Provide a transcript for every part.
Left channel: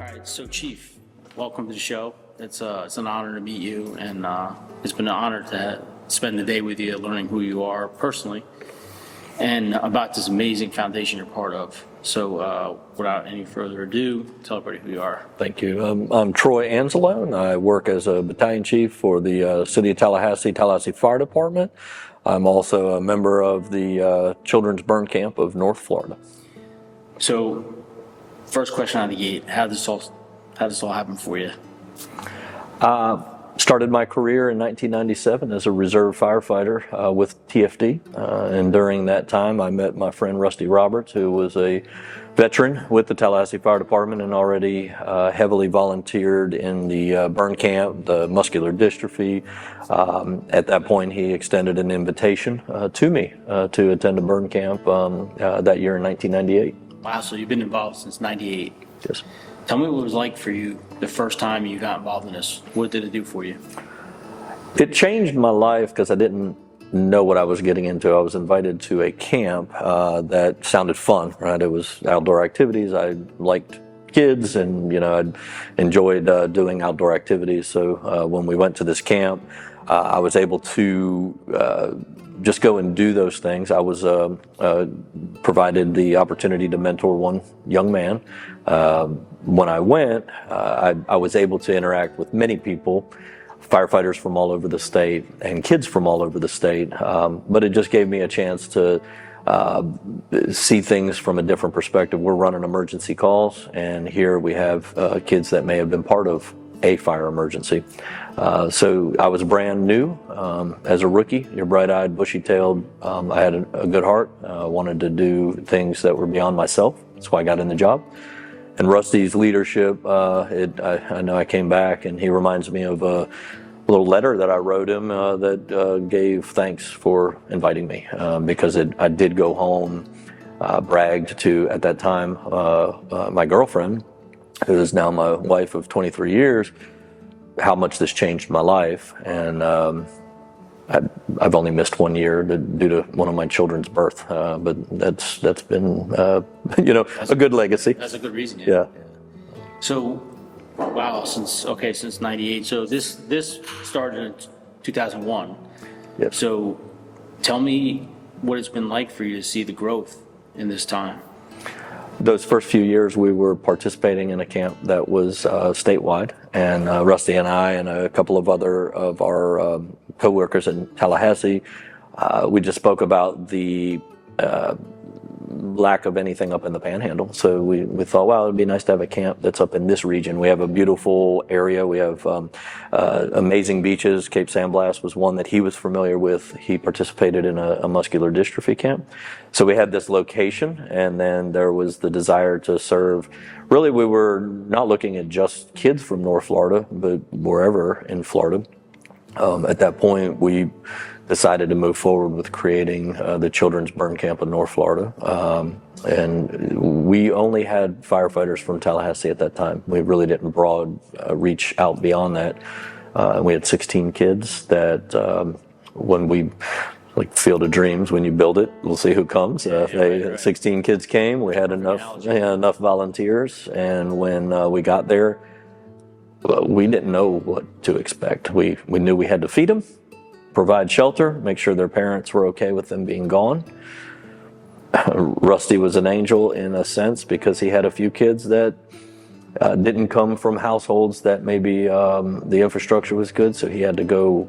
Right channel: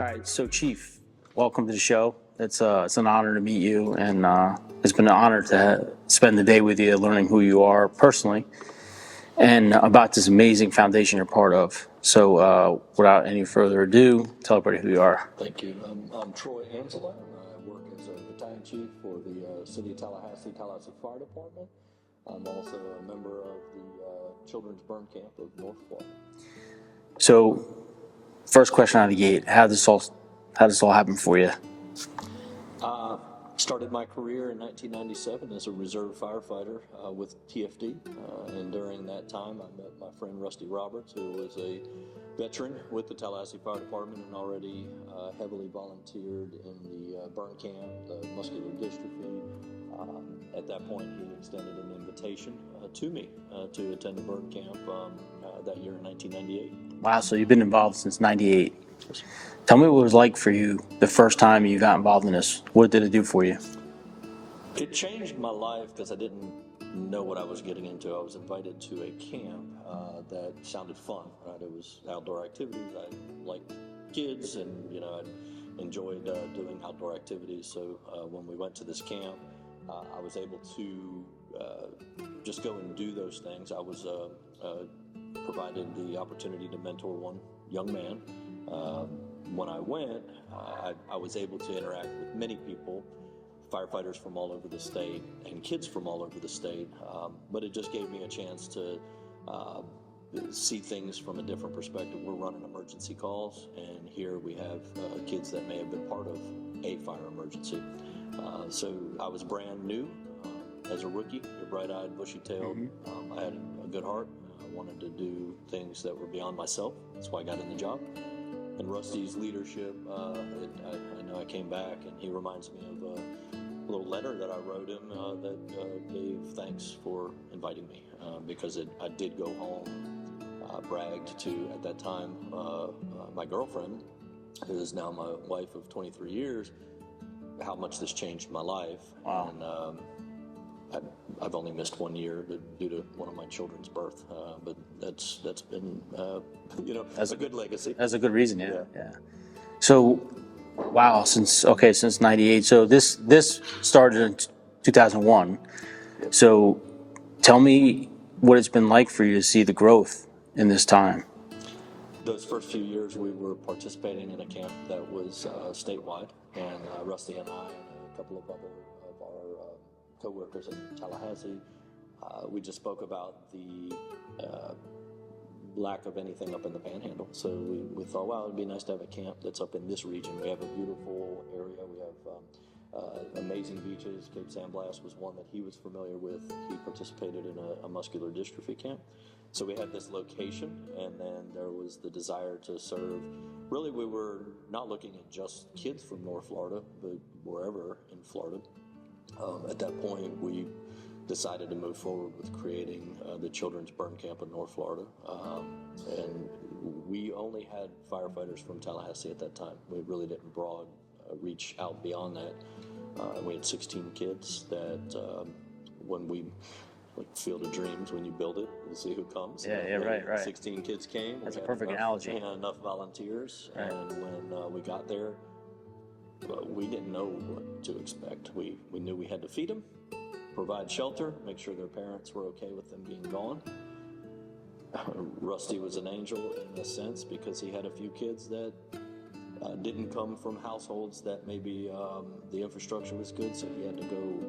All right, so Chief, welcome to the show. It's an honor to meet you, and it's been an honor to spend the day with you, learning who you are personally, and about this amazing foundation you're part of. So without any further ado, tell everybody who you are. Thank you. I'm Troy Anzalone. I work as a battalion chief for the City of Tallahassee Fire Department. I'm also a member of the Children's Burn Camp of North Florida. So, first question out of the gate: How did this all happen for you? Started my career in 1997 as a reserve firefighter with TFD, and during that time I met my friend Rusty Roberts, who was a veteran with the Tallahassee Fire Department and already heavily volunteered in the burn camp, the muscular dystrophy. At that point he extended an invitation to me to attend a burn camp that year in 1998. Wow, so you've been involved since '98. Yes. Tell me what it was like for you the first time you got involved in this. What did it do for you? It changed my life because I didn't know what I was getting into. I was invited to a camp that sounded fun, right? It was outdoor activities. I liked kids and, I enjoyed doing outdoor activities. So when we went to this camp, I was able to just go and do those things. I was provided the opportunity to mentor one young man. When I went, I was able to interact with many people, firefighters from all over the state and kids from all over the state, but it just gave me a chance to see things from a different perspective. We're running emergency calls, and here we have kids that may have been part of a fire emergency. So I was brand new as a rookie. You're bright-eyed, bushy-tailed. I had a good heart. Wanted to do things that were beyond myself. That's why I got in the job. And Rusty's leadership, I know I came back, and he reminds me of a little letter that I wrote him that gave thanks for inviting me, because I did go home, bragged to, at that time, my girlfriend, who is now my wife of 23 years, how much this changed my life. And I've only missed 1 year due to one of my children's birth, but that's been a good legacy. That's a good reason. Yeah. So, wow, since '98. So this started in 2001. Yep. So, tell me what it's been like for you to see the growth in this time. Those first few years, we were participating in a camp that was statewide, and Rusty and I and a couple of other of our co-workers in Tallahassee, we just spoke about the lack of anything up in the Panhandle. So we thought, wow, it'd be nice to have a camp that's up in this region. We have a beautiful area. We have amazing beaches. Cape San Blas was one that he was familiar with. He participated in a muscular dystrophy camp. So we had this location, and then there was the desire to serve. Really, we were not looking at just kids from North Florida, but wherever in Florida. At that point, we decided to move forward with creating the Children's Burn Camp in North Florida. And we only had firefighters from Tallahassee at that time. We really didn't reach out beyond that. We had 16 kids that when we, like Field of Dreams, when you build it, we'll see who comes. Right. 16 kids came. We had enough volunteers. And when we got there, we didn't know what to expect. We knew we had to feed them, provide shelter, make sure their parents were okay with them being gone. Rusty was an angel in a sense because he had a few kids that didn't come from households that maybe the infrastructure was good, so he had to go,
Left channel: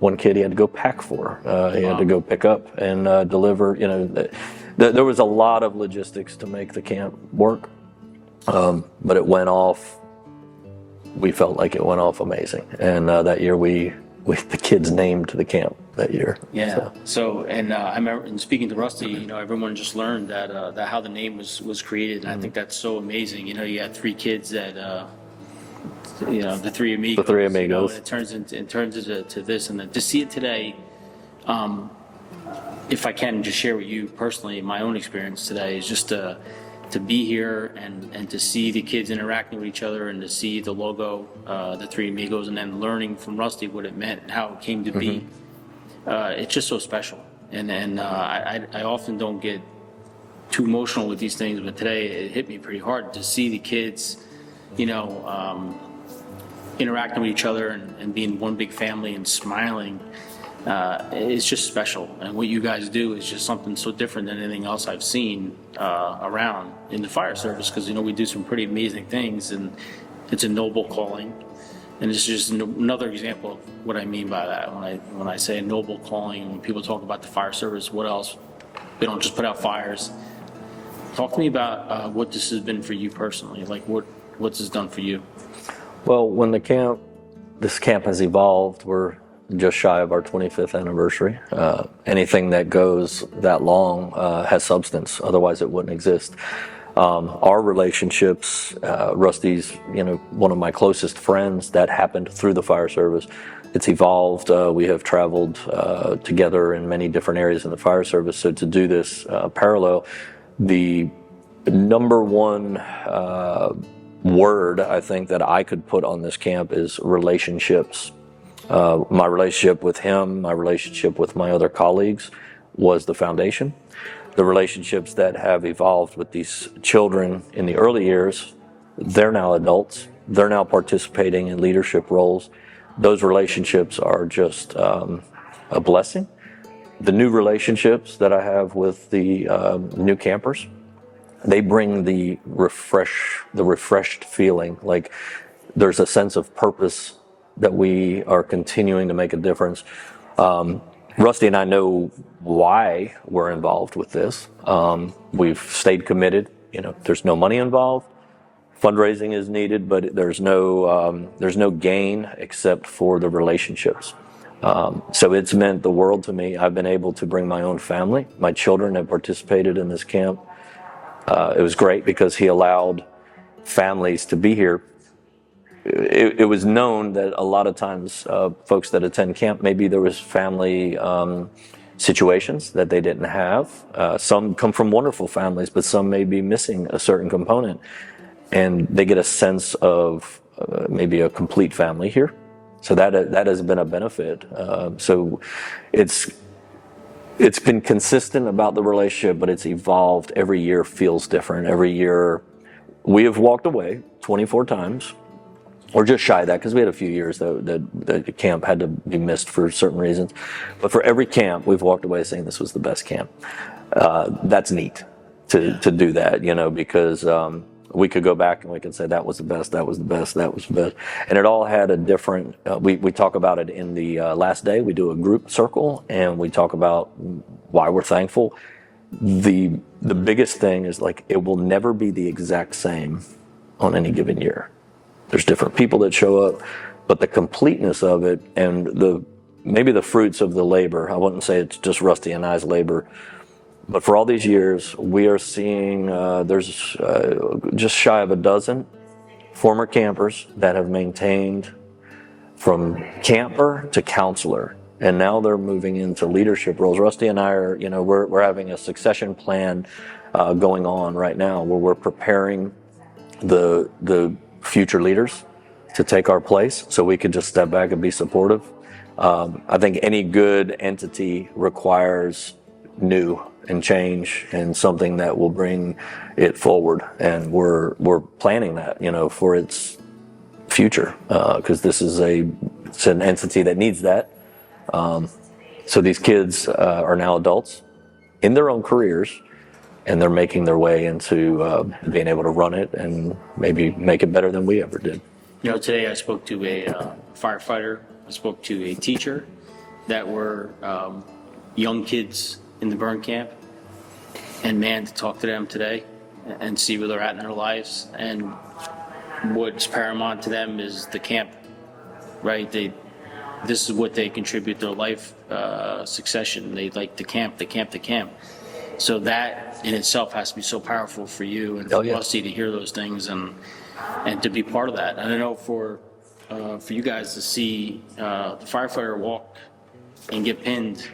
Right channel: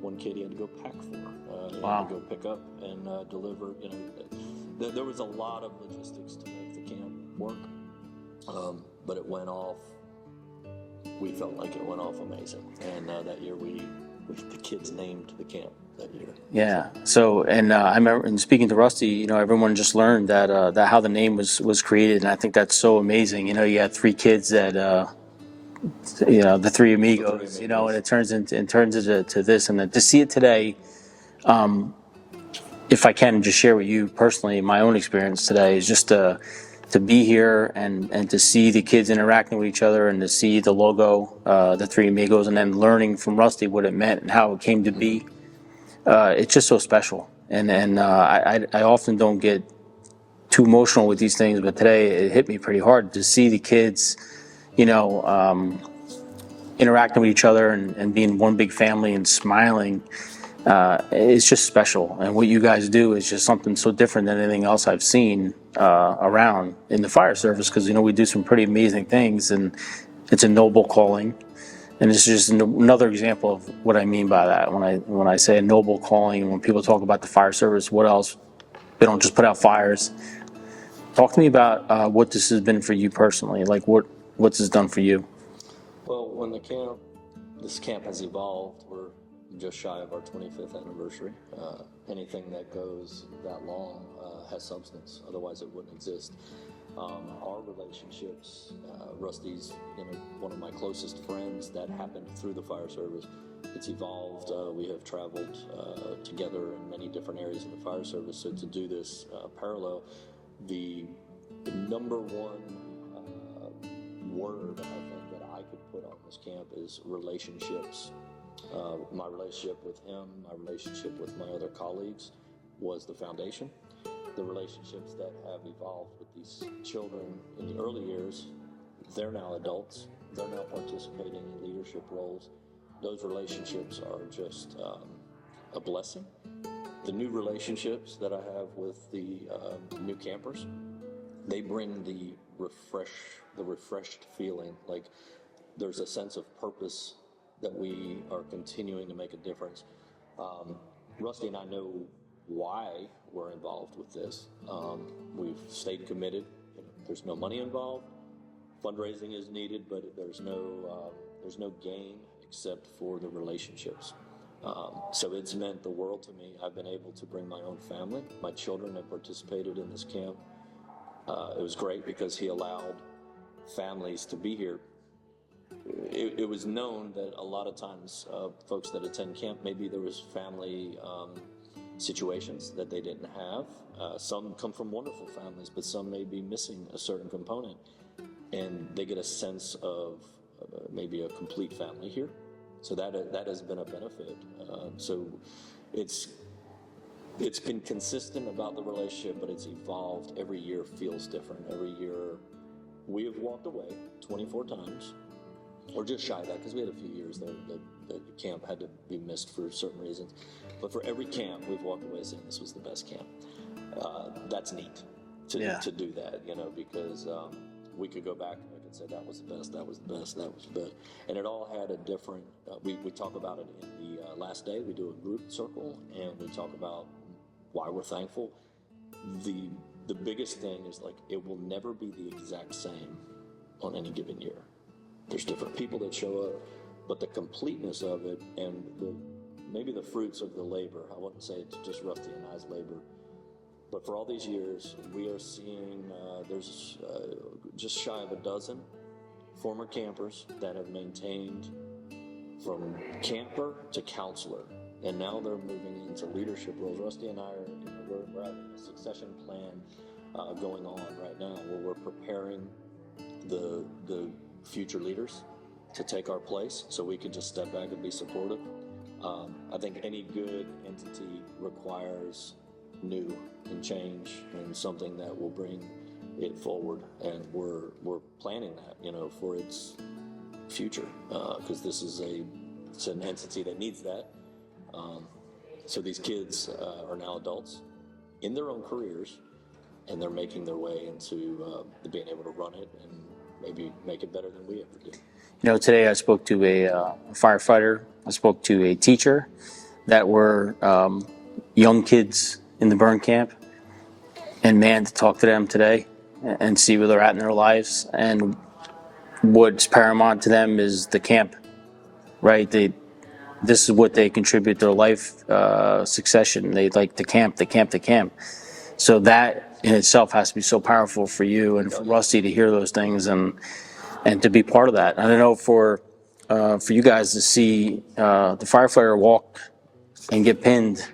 one kid he had to go pack for. He had to go pick up and deliver. There was a lot of logistics to make the camp work, but it went off. We felt like it went off amazing, and that year the kids named the camp that year. Yeah. So and I remember, and speaking to Rusty, everyone just learned that how the name was created, and I think that's so amazing. You had three kids that the three amigos. The three amigos. And it turns into this, and to see it today. If I can just share with you personally, my own experience today is just to be here and to see the kids interacting with each other and to see the logo, the Three Amigos, and then learning from Rusty what it meant and how it came to be. It's just so special. And I often don't get too emotional with these things, but today it hit me pretty hard to see the kids interacting with each other and being one big family and smiling, it's just special. And what you guys do is just something so different than anything else I've seen around in the fire service, because we do some pretty amazing things, and it's a noble calling. And this is just another example of what I mean by that. When I say a noble calling, when people talk about the fire service, what else? They don't just put out fires. Talk to me about what this has been for you personally. Like, what's this done for you? Well, when this camp has evolved, we're just shy of our 25th anniversary. Anything that goes that long has substance, otherwise it wouldn't exist. Our relationships, Rusty's, one of my closest friends, that happened through the fire service. It's evolved. We have traveled together in many different areas in the fire service. So to do this parallel, the number one word I think that I could put on this camp is relationships. My relationship with him, my relationship with my other colleagues was the foundation. The relationships that have evolved with these children in the early years, they're now adults. They're now participating in leadership roles. Those relationships are just a blessing. The new relationships that I have with the new campers, they bring the refreshed feeling. Like there's a sense of purpose that we are continuing to make a difference. Rusty and I know why we're involved with this. We've stayed committed. There's no money involved. Fundraising is needed, but there's no gain except for the relationships. So it's meant the world to me. I've been able to bring my own family. My children have participated in this camp. It was great because he allowed families to be here. It was known that a lot of times folks that attend camp, maybe there was family situations that they didn't have. Some come from wonderful families, but some may be missing a certain component. And they get a sense of maybe a complete family here. So that has been a benefit. So it's been consistent about the relationship, but it's evolved. Every year feels different. Every year we have walked away 24 times. Or just shy of that, because we had a few years that the camp had to be missed for certain reasons. But for every camp, we've walked away saying this was the best camp. That's neat to do that, because we could go back and we could say that was the best, that was the best, that was the best. And it all had a different, we talk about it in the last day. We do a group circle and we talk about why we're thankful. The biggest thing is it will never be the exact same on any given year. There's different people that show up, but the completeness of it and maybe the fruits of the labor, I wouldn't say it's just Rusty and I's labor, but for all these years, we are seeing there's just shy of a dozen former campers that have maintained from camper to counselor, and now they're moving into leadership roles. Rusty and I are, we're having a succession plan going on right now where we're preparing the future leaders to take our place so we can just step back and be supportive. I think any good entity requires new and change and something that will bring it forward, and we're planning that for its future because this is it's an entity that needs that. So these kids are now adults in their own careers, and they're making their way into being able to run it and maybe make it better than we ever did. Today I spoke to a firefighter. I spoke to a teacher that were young kids in the burn camp. And man, to talk to them today and see where they're at in their lives and what's paramount to them is the camp, right? This is what they contribute to their life succession. They like the camp. So that in itself has to be so powerful for you and for Rusty to hear those things and to be part of that. And I know for you guys to see the firefighter walk and get pinned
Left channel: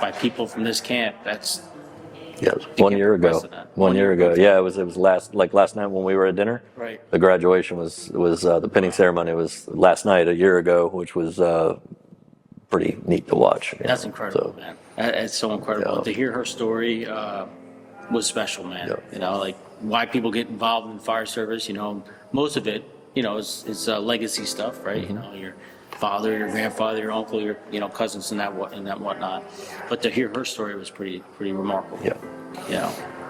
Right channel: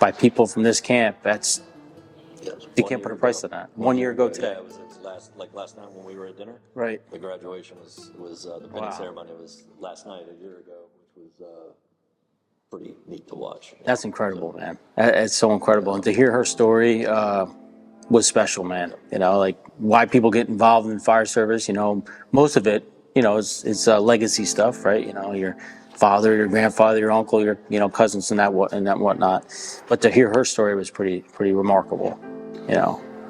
by people from this camp, that's 1 year ago. 1 year ago. Yeah, it was last night when we were at dinner. Right. The graduation was the pinning ceremony was last night a year ago, which was pretty neat to watch. That's incredible, man. It's so incredible. And to hear her story was special, man. why people get involved in fire service. Most of it, is legacy stuff, right? Your father, your grandfather, your uncle, your cousins, and that whatnot. But to hear her story was pretty remarkable.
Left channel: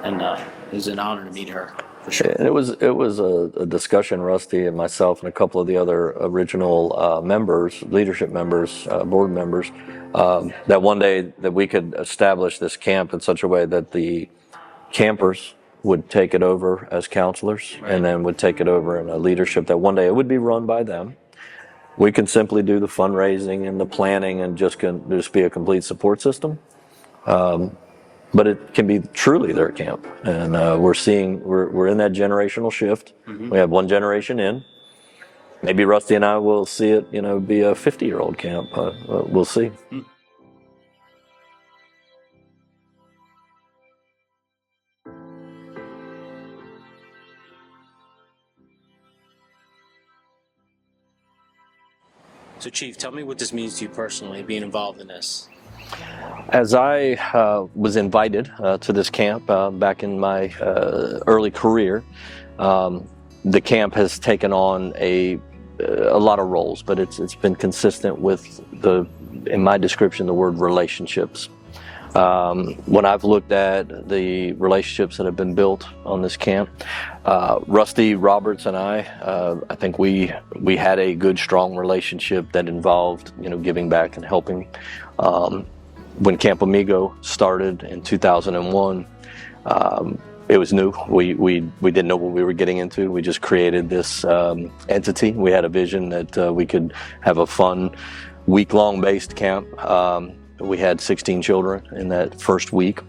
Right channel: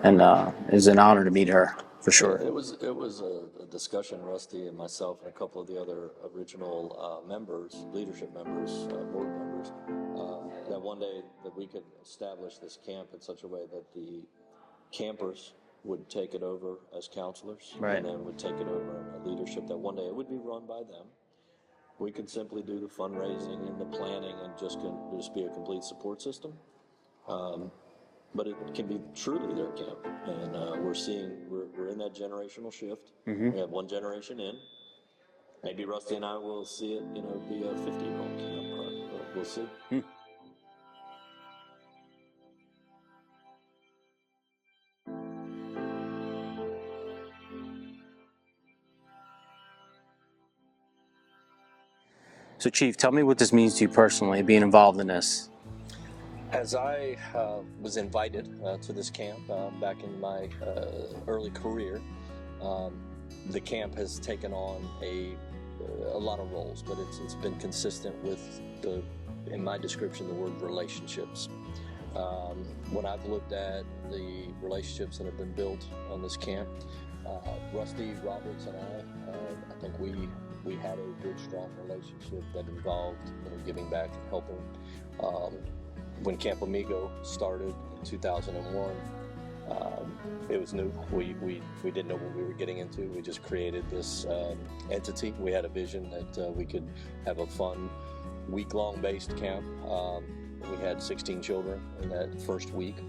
And it was an honor to meet her for sure. And it was a discussion, Rusty and myself and a couple of the other original leadership members, board members, that one day that we could establish this camp in such a way that the campers would take it over as counselors, right, and then would take it over in a leadership that one day it would be run by them. We can simply do the fundraising and the planning and just be a complete support system. But it can be truly their camp. And we're in that generational shift. Mm-hmm. We have one generation in. Maybe Rusty and I will see it, be a 50-year-old camp. We'll see. Mm. So, Chief, tell me what this means to you personally, being involved in this. As I was invited to this camp back in my early career, the camp has taken on a lot of roles, but it's been consistent with in my description, the word relationships. When I've looked at the relationships that have been built on this camp, Rusty Roberts and I think we had a good, strong relationship that involved, giving back and helping. When Camp Amigo started in 2001, it was new. We didn't know what we were getting into. We just created this entity. We had a vision that we could have a fun, week-long based camp. We had 16 children in that first week.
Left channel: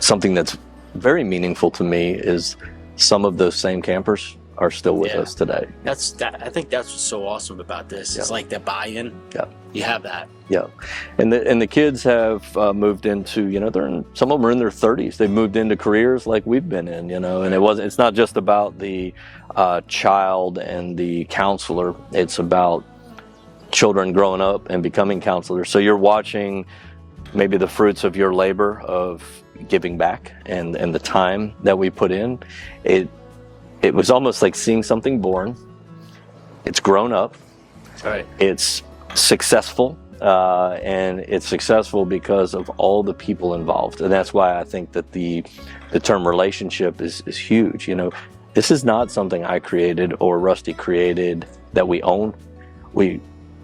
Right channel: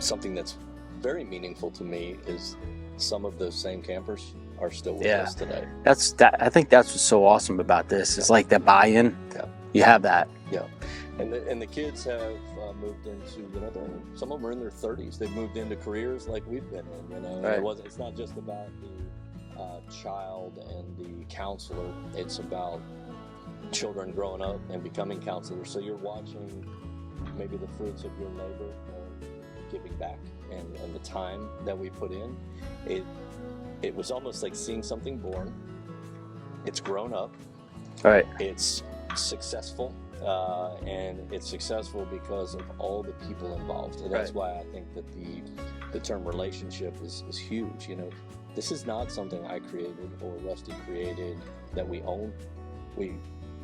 Something that's very meaningful to me is some of those same campers are still with us today. I think that's what's so awesome about this. It's like the buy-in. Yeah. You have that. Yeah. And the kids have moved into, some of them are in their 30s. They've moved into careers like we've been in, and it's not just about the child and the counselor. It's about children growing up and becoming counselors. So you're watching maybe the fruits of your labor of giving back and the time that we put in. It was almost like seeing something born. It's grown up. All right. It's successful, and it's successful because of all the people involved. And that's why I think that the term relationship is huge. This is not something I created or Rusty created that we own. We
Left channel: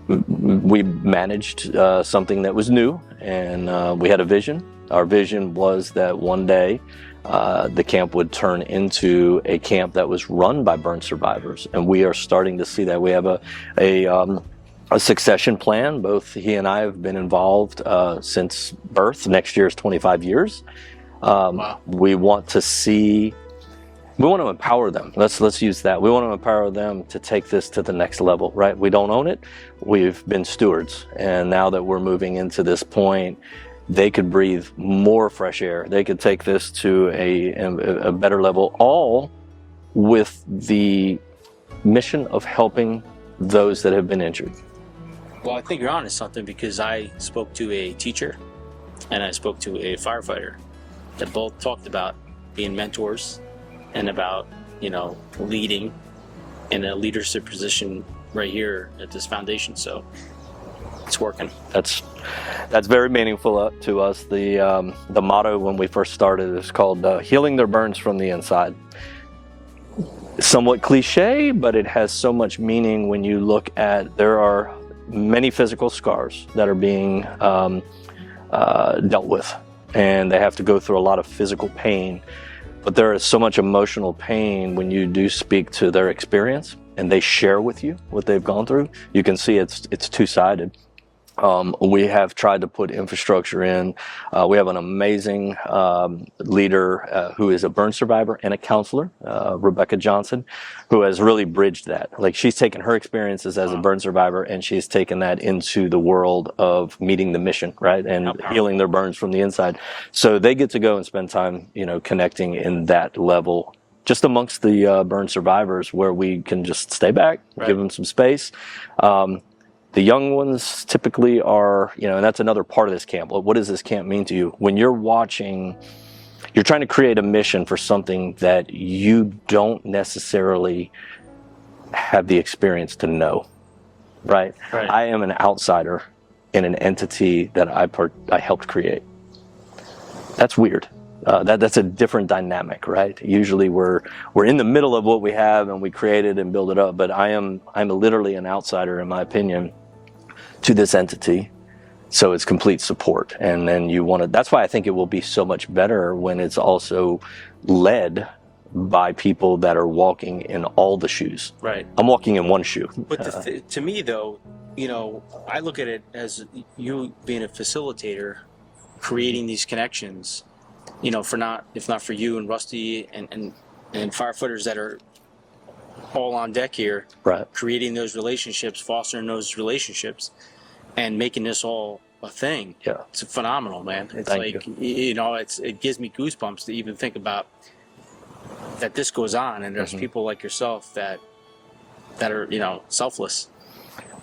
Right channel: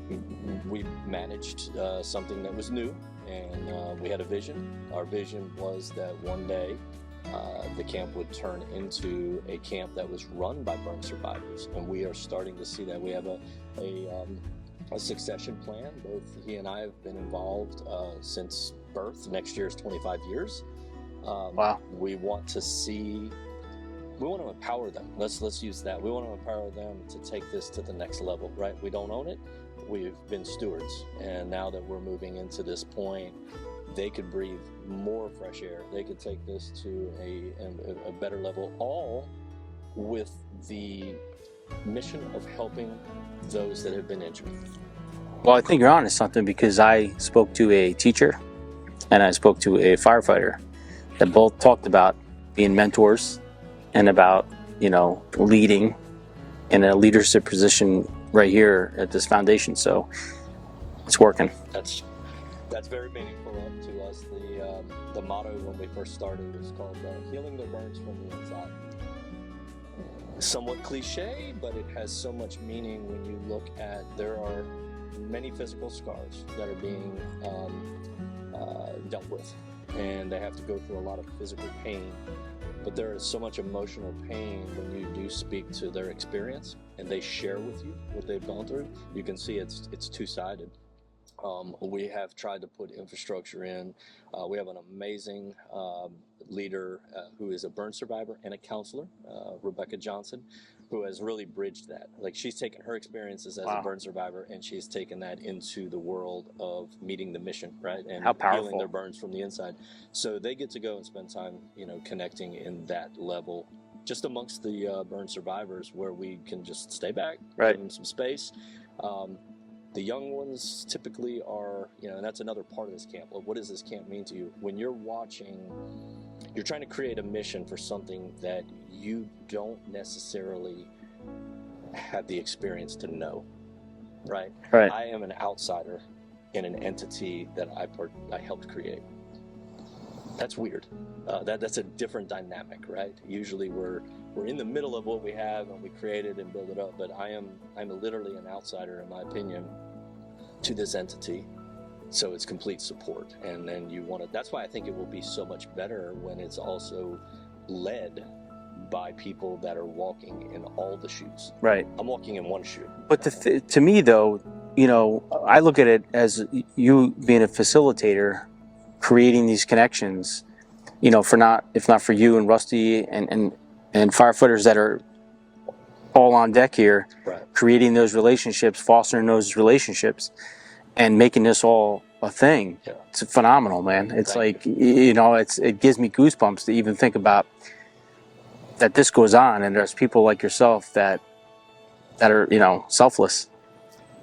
managed something that was new, and we had a vision. Our vision was that one day the camp would turn into a camp that was run by burn survivors, and we are starting to see that. We have a succession plan. Both he and I have been involved since birth. Next year is 25 years. Wow. We want to empower them. Let's use that. We want to empower them to take this to the next level, right? We don't own it. We've been stewards. And now that we're moving into this point, they could breathe more fresh air. They could take this to a better level, all with the mission of helping those that have been injured. Well, I think you're onto something, because I spoke to a teacher and I spoke to a firefighter that both talked about being mentors and about, leading in a leadership position right here at this foundation. So it's working. That's very meaningful to us. The motto when we first started is called healing their burns from the inside. Somewhat cliche, but it has so much meaning when you look at, there are many physical scars that are being dealt with, and they have to go through a lot of physical pain. But there is so much emotional pain when you do speak to their experience and they share with you what they've gone through. You can see it's two-sided. We have tried to put infrastructure in. We have an amazing leader who is a burn survivor and a counselor, Rebecca Johnson, who has really bridged that. Like, she's taken her experiences as a burn survivor and she's taken that into the world of meeting the mission, right? And healing their burns from the inside. So they get to go and spend time, connecting in that level, just amongst the burn survivors, where we can just stay back, right, give them some space. The young ones typically are, and that's another part of this camp. What does this camp mean to you? When you're watching you're trying to create a mission for something that you don't necessarily have the experience to know, right? I am an outsider in an entity that I helped create. That's weird. That's a different dynamic, right? Usually we're in the middle of what we have and we create it and build it up, but I'm literally an outsider, in my opinion, to this entity. So it's complete support. And then that's why I think it will be so much better when it's also led by people that are walking in all the shoes. Right. I'm walking in one shoe. But to me, though, I look at it as you being a facilitator, creating these connections, if not for you and Rusty and firefighters that are all on deck here, right, creating those relationships, fostering those relationships, and making this all a thing. Yeah. It's phenomenal, man. It's Thank you. It gives me goosebumps to even think about that this goes on, and there's people like yourself that are, selfless.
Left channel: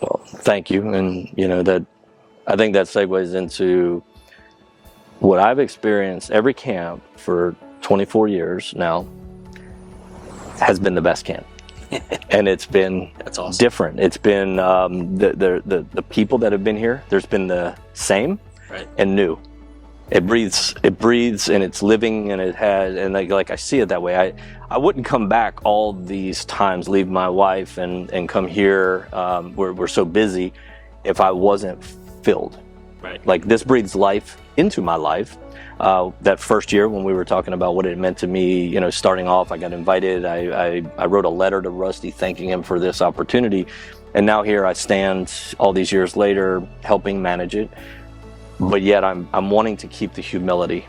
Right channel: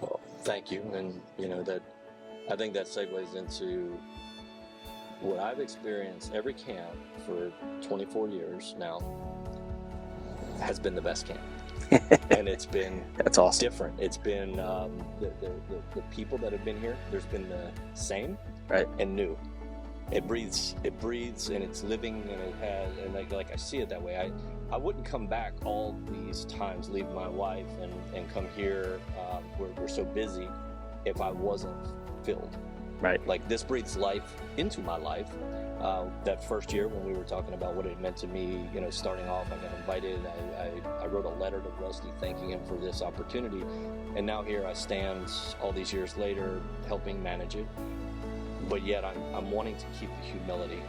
Well, thank you. And, that I think that segues into what I've experienced. Every camp for 24 years now has been the best camp. And it's been That's awesome. different. It's been the people that have been here, there's been the same and new. It breathes and it's living, and it has, and like I see it that way. I wouldn't come back all these times, leave my wife and come here. We're so busy if I wasn't filled. Right. Like, this breathes life into my life. That first year when we were talking about what it meant to me, starting off, I got invited. I wrote a letter to Rusty thanking him for this opportunity. And now here I stand all these years later helping manage it. But yet I'm wanting to keep the humility.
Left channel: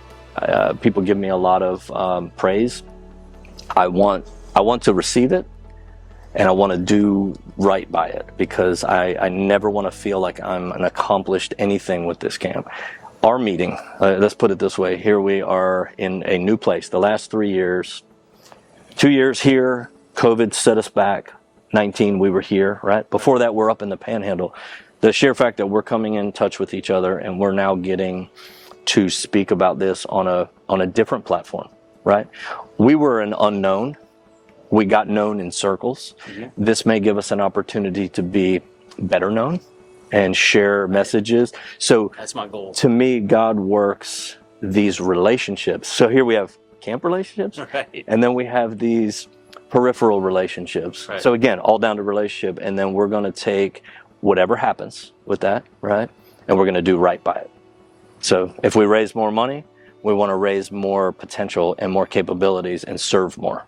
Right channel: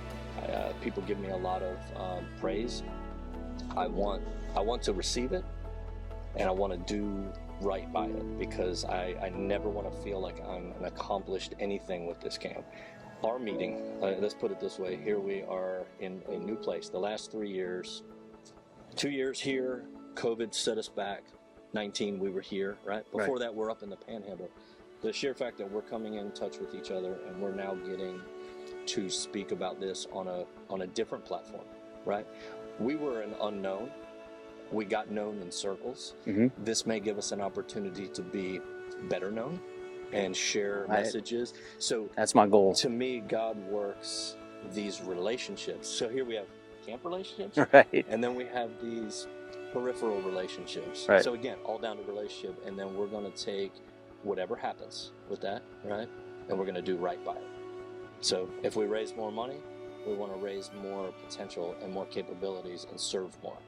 People give me a lot of praise. I want to receive it, and I want to do right by it, because I never want to feel like I'm an accomplished anything with this camp. Our meeting, let's put it this way, here we are in a new place. The last 3 years, 2 years here, COVID set us back. 19, we were here, right? Before that, we're up in the Panhandle. The sheer fact that we're coming in touch with each other, and we're now getting to speak about this on a different platform, right? We were an unknown. We got known in circles. Mm-hmm. This may give us an opportunity to be better known and share messages. So that's my goal. To me, God works these relationships. So here we have camp relationships, and then we have these peripheral relationships. So again, all down to relationship, and then we're going to take whatever happens with that, right? And we're going to do right by it. So if we raise more money, we want to raise more potential and more capabilities and serve more.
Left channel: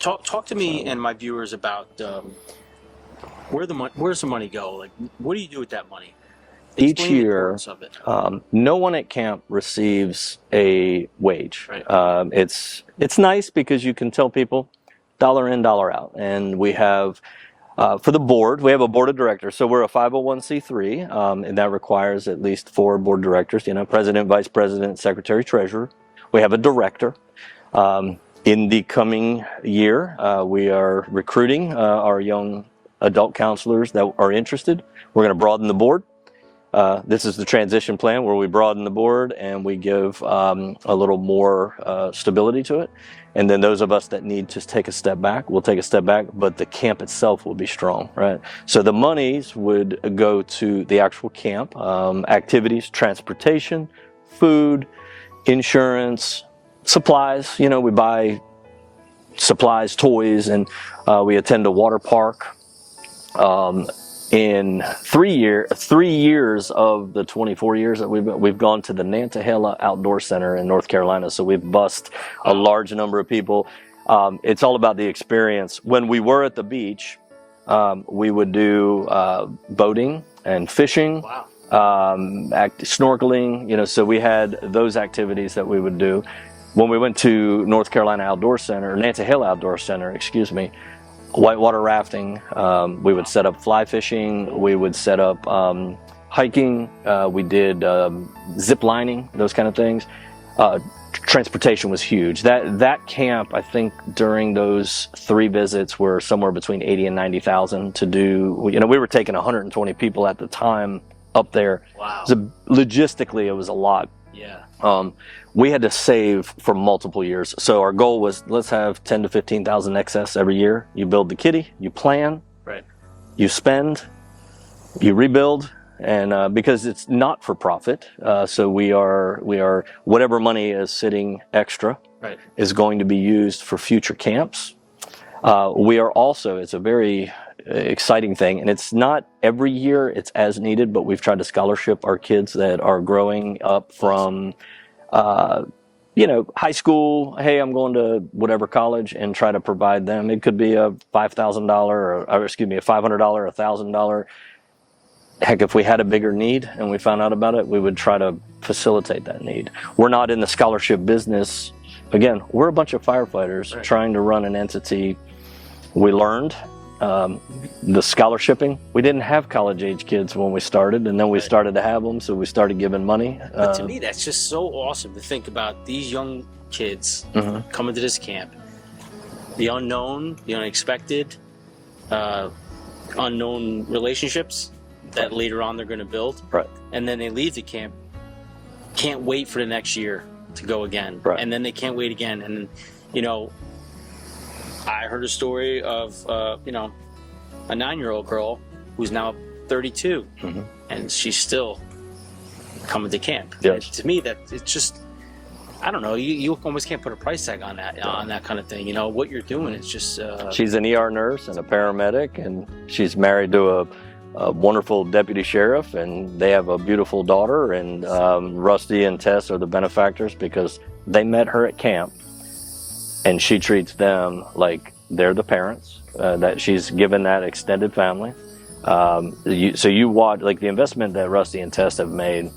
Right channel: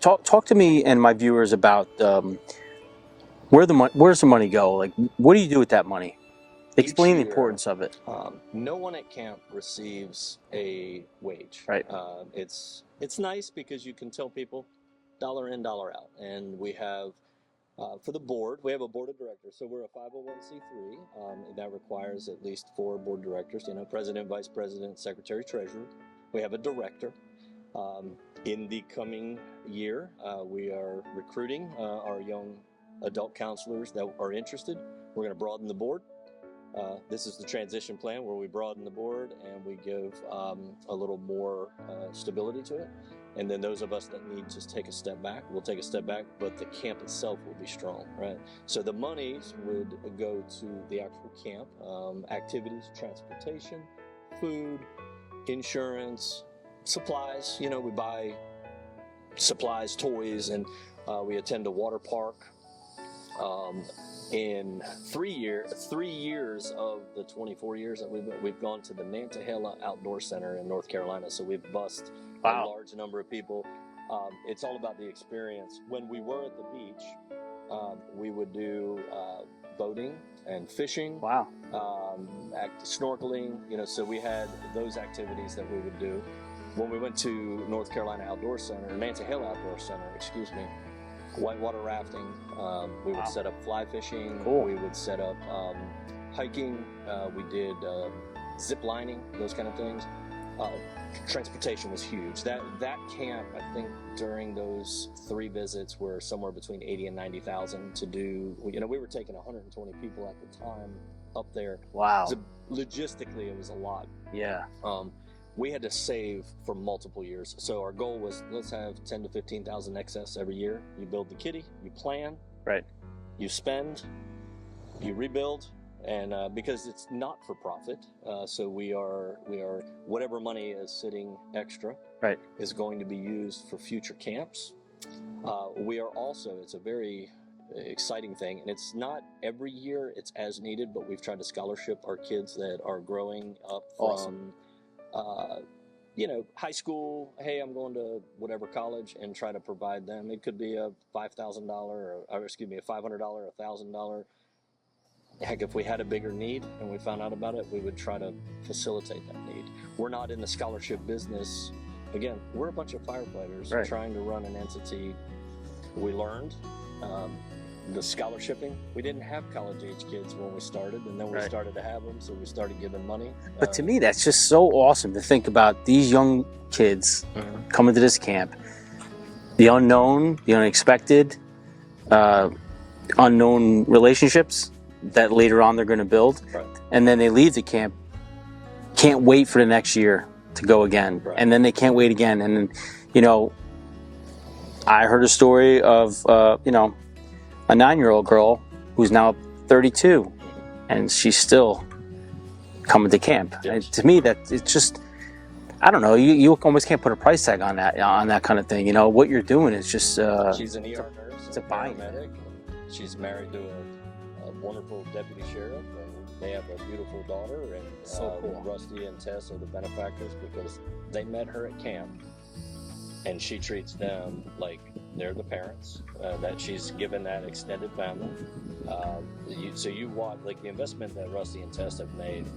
Talk to me and my viewers about where's the money go? Like, what do you do with that money? Explain Each year, the importance of it. No one at camp receives a wage. Right. It's nice because you can tell people dollar in, dollar out. And we have, for the board, we have a board of directors. So we're a 501c3, and that requires at least 4 board directors, president, vice president, secretary, treasurer. We have a director. In the coming year, we are recruiting our young adult counselors that are interested. We're going to broaden the board. This is the transition plan where we broaden the board and we give a little more stability to it. And then those of us that need to take a step back, we'll take a step back, but the camp itself will be strong, right? So the monies would go to the actual camp, activities, transportation, food, insurance, supplies. We buy supplies, toys, and we attend a water park. In 3 years of the 24 years that we've gone to the Nantahala Outdoor Center in North Carolina, so we've bussed a large number of people. It's all about the experience. When we were at the beach, we would do boating and fishing, snorkeling, so we had those activities that we would do. When we went to North Carolina Outdoor Center, or Nantahala Outdoor Center, whitewater rafting, we would set up fly fishing, we would set up hiking, we did zip lining, those kind of things. Transportation was huge. That camp, I think during those 3 visits were somewhere between 80 and 90,000 to do. We were taking 120 people at the time up there. Wow. So logistically, it was a lot. Yeah. we had to save for multiple years. So our goal was, let's have 10 to 15,000 excess every year. You build the kitty, you plan, Right. you spend, you rebuild, and because it's not for profit, so we are whatever money is sitting extra Right. is going to be used for future camps. We are also, it's a very exciting thing, and it's not every year, it's as needed, but we've tried to scholarship our kids that are growing up from high school. Hey, I'm going to whatever college, and try to provide them. It could be a $5,000 or a $500, $1,000. Heck, if we had a bigger need and we found out about it, we would try to facilitate that need. We're not in the scholarship business. Again, we're a bunch of firefighters trying to run an entity. We learned the scholarshiping. We didn't have college-age kids when we started, and then we started to have them, so we started giving money. But to me, that's just so awesome to think about these young kids coming to this camp. The unknown, the unexpected, unknown relationships that later on they're going to build. Right. And then they leave the camp, can't wait for the next year to go again. Right. And then they can't wait again. And then, I heard a story of, a 9-year-old girl who's now 32, and she's still coming to camp. Yes. And to me, that it's just, I don't know, you almost can't put a price tag on that kind of thing. What you're doing is just... she's an ER nurse and a paramedic, and she's married to a wonderful deputy sheriff, and they have a beautiful daughter, and Rusty and Tess are the benefactors because they met her at camp, and she treats them like they're the parents, that she's given that extended family. So you watch, like, the investment that Rusty and Tess have made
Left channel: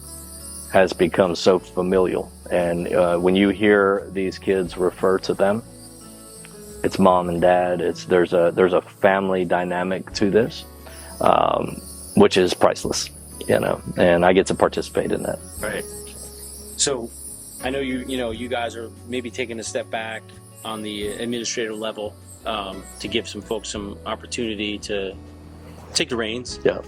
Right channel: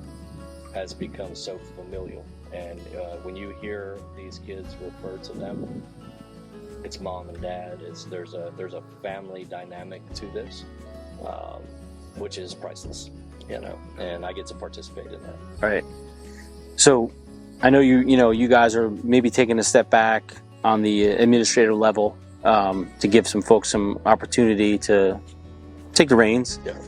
has become so familial, and when you hear these kids refer to them, it's mom and dad. There's a family dynamic to this, which is priceless, and I get to participate in that. Right. So I know you guys are maybe taking a step back on the administrative level to give some folks some opportunity to take the reins. Yeah.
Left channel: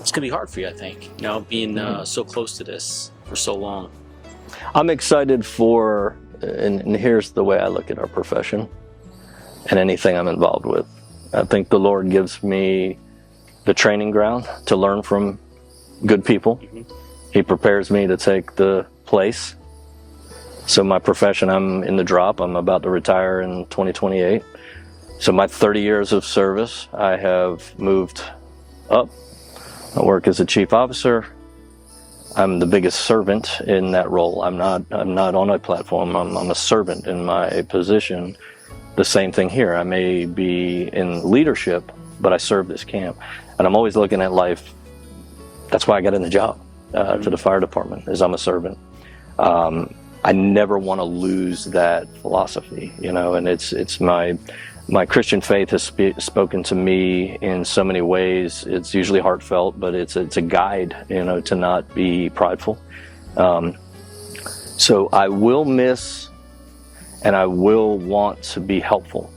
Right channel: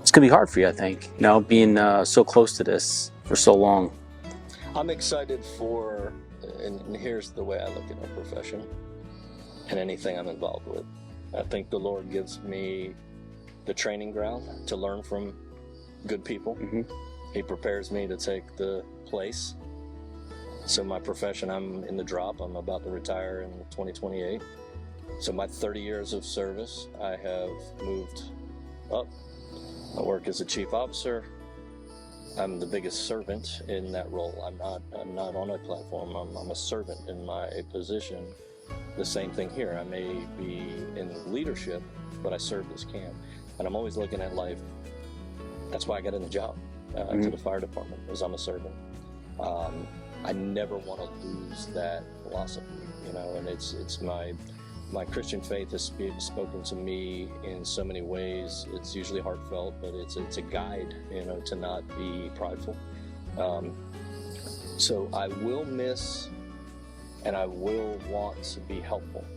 It's gonna be hard for you, I think, being so close to this for so long. I'm excited for, and here's the way I look at our profession and anything I'm involved with. I think the Lord gives me the training ground to learn from good people. He prepares me to take the place. So my profession, I'm in the drop. I'm about to retire in 2028. So my 30 years of service, I have moved up. I work as a chief officer. I'm the biggest servant in that role. I'm not on a platform. I'm a servant in my position. The same thing here. I may be in leadership, but I serve this camp. And I'm always looking at life. That's why I got in the job to the fire department, is I'm a servant. I never want to lose that philosophy, and it's my Christian faith has spoken to me in so many ways. It's usually heartfelt, but it's a guide, to not be prideful. So I will miss, and I will want to be helpful,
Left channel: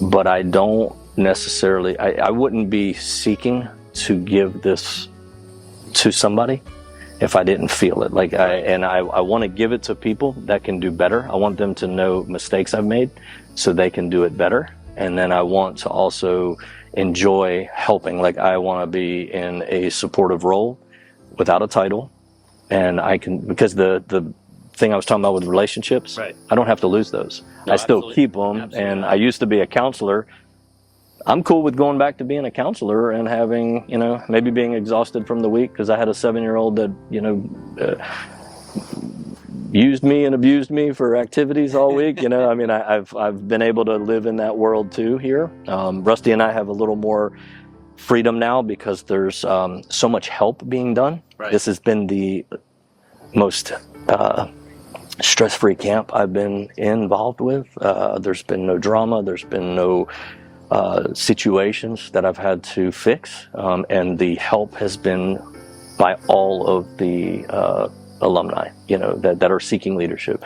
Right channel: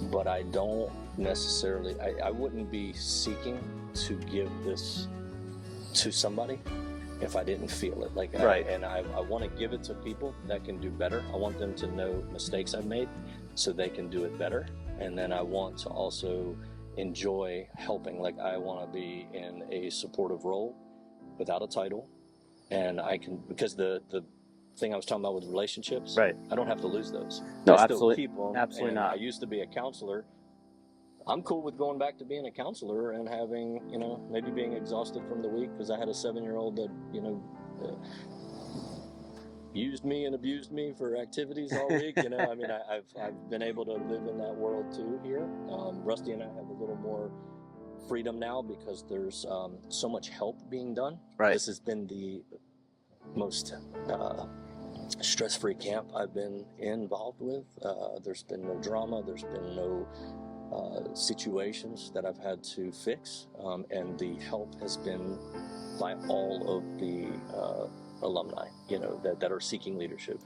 but I don't necessarily, I wouldn't be seeking to give this to somebody if I didn't feel it. I want to give it to people that can do better. I want them to know mistakes I've made so they can do it better. And then I want to also enjoy helping. I want to be in a supportive role without a title. And I can, because the thing I was talking about with relationships, I don't have to lose those. No, I still keep them. Absolutely and not. I used to be a counselor. I'm cool with going back to being a counselor and having, maybe being exhausted from the week because I had a 7-year-old that, used me and abused me for activities all week. I've been able to live in that world too here. Rusty and I have a little more freedom now because there's so much help being done. Right. This has been the most stress-free camp I've been involved with. There's been no drama. There's been no situations that I've had to fix, and the help has been by all of the alumni, that are seeking leadership.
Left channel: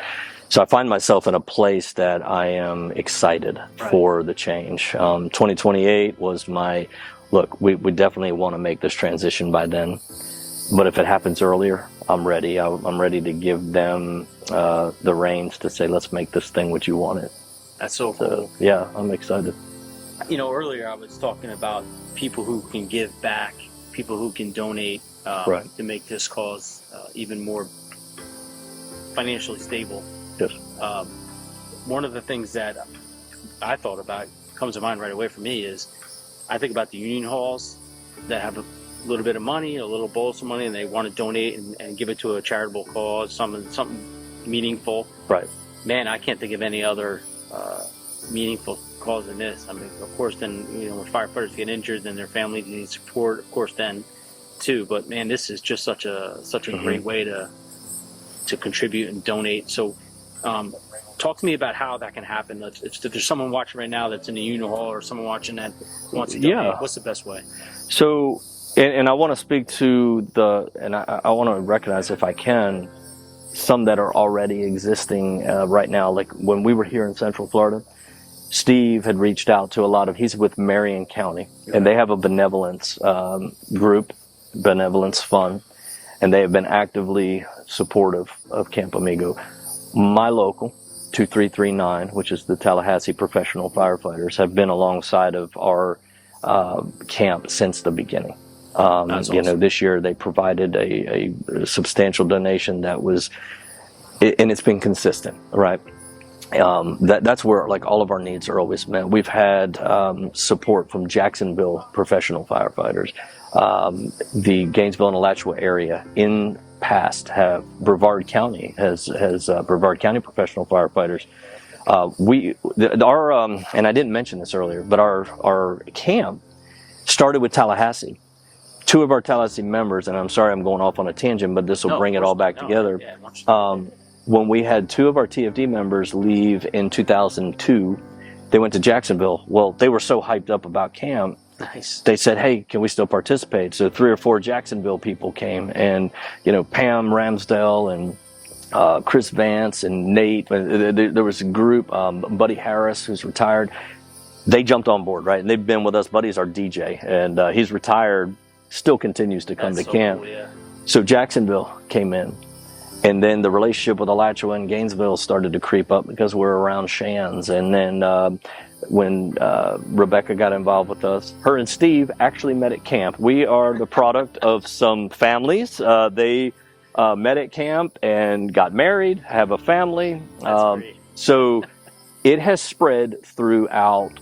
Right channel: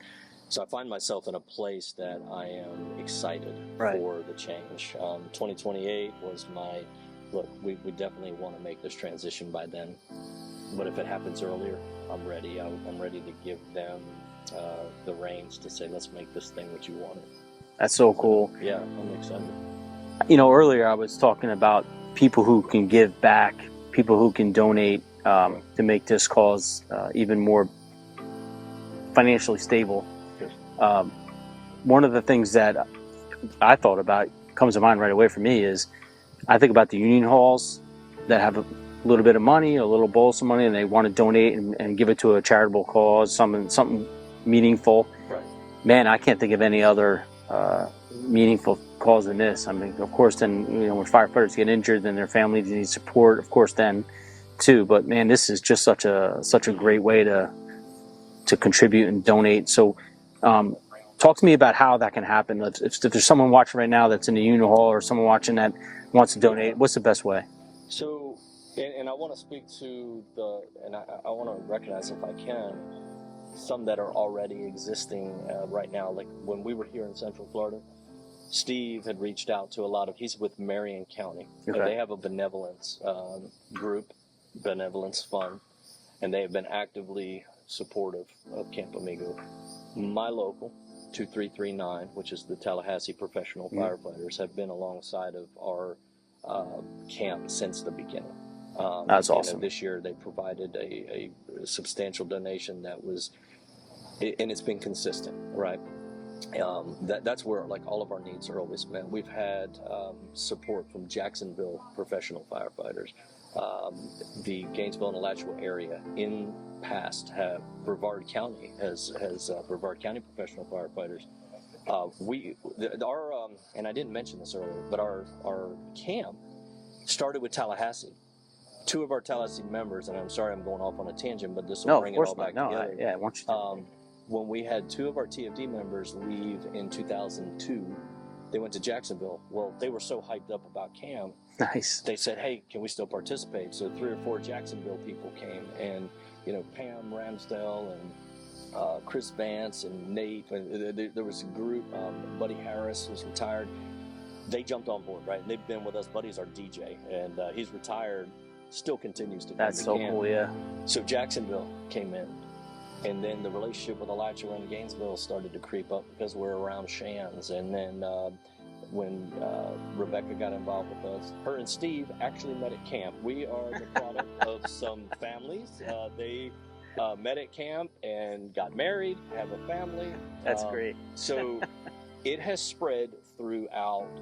So I find myself in a place that I am excited for the change. 2028 was look, we definitely want to make this transition by then, but if it happens earlier, I'm ready. I'm ready to give them the reins to say, let's make this thing what you want it. That's so cool. Yeah, I'm excited. Earlier I was talking about people who can give back, people who can donate Right. to make this cause even more financially stable. Yes. One of the things that I thought about, comes to mind right away for me, is I think about the union halls that have a little bit of money, a little bolus of money, and they want to donate and give it to a charitable cause, something meaningful. Right. Man, I can't think of any other meaningful cause than this. I mean, of course, then when firefighters get injured, then their families need support. Of course, then too. But man, this is just such a great way to contribute and donate. So, talk to me about how that can happen. If there's someone watching right now that's in the union hall, or someone watching that wants to donate, what's the best way? So, and I want to speak to I want to recognize, if I can, some that are already existing right now. Like when we were here in Central Florida, Steve had reached out to he's with Marion County, and they have a benevolence group, benevolence fund, and they have been actively supportive of Camp Amigo. My local, 2339, which is the Tallahassee Professional Firefighters, have been alongside of our camp since the beginning. That's awesome. This year they provided a substantial donation that was, and it's been consistent, right? That's where all of our needs are always met. We've had support from Jacksonville Professional Firefighters, the Gainesville and Alachua area. In past, have Brevard County has Brevard County Professional Firefighters. And I didn't mention this earlier, but our camp started with Tallahassee. Two of our Tallahassee members, and I'm sorry I'm going off on a tangent, but this will bring it all back together. When we had two of our TFD members leave in 2002, they went to Jacksonville. Well, they were so hyped up about camp. Nice. They said, hey, can we still participate? So 3 or 4 Jacksonville people came, and Pam Ramsdale and Chris Vance and Nate. There was a group, Buddy Harris, who's retired. They jumped on board, right? And they've been with us. Buddy's our DJ, and he's retired, still continues to come to camp. Cool, yeah. So Jacksonville came in. And then the relationship with Alachua and Gainesville started to creep up because we're around Shands. And then when Rebecca got involved with us, her and Steve actually met at camp. We are the product of some families. They met at camp and got married, have a family. That's great. So it has spread throughout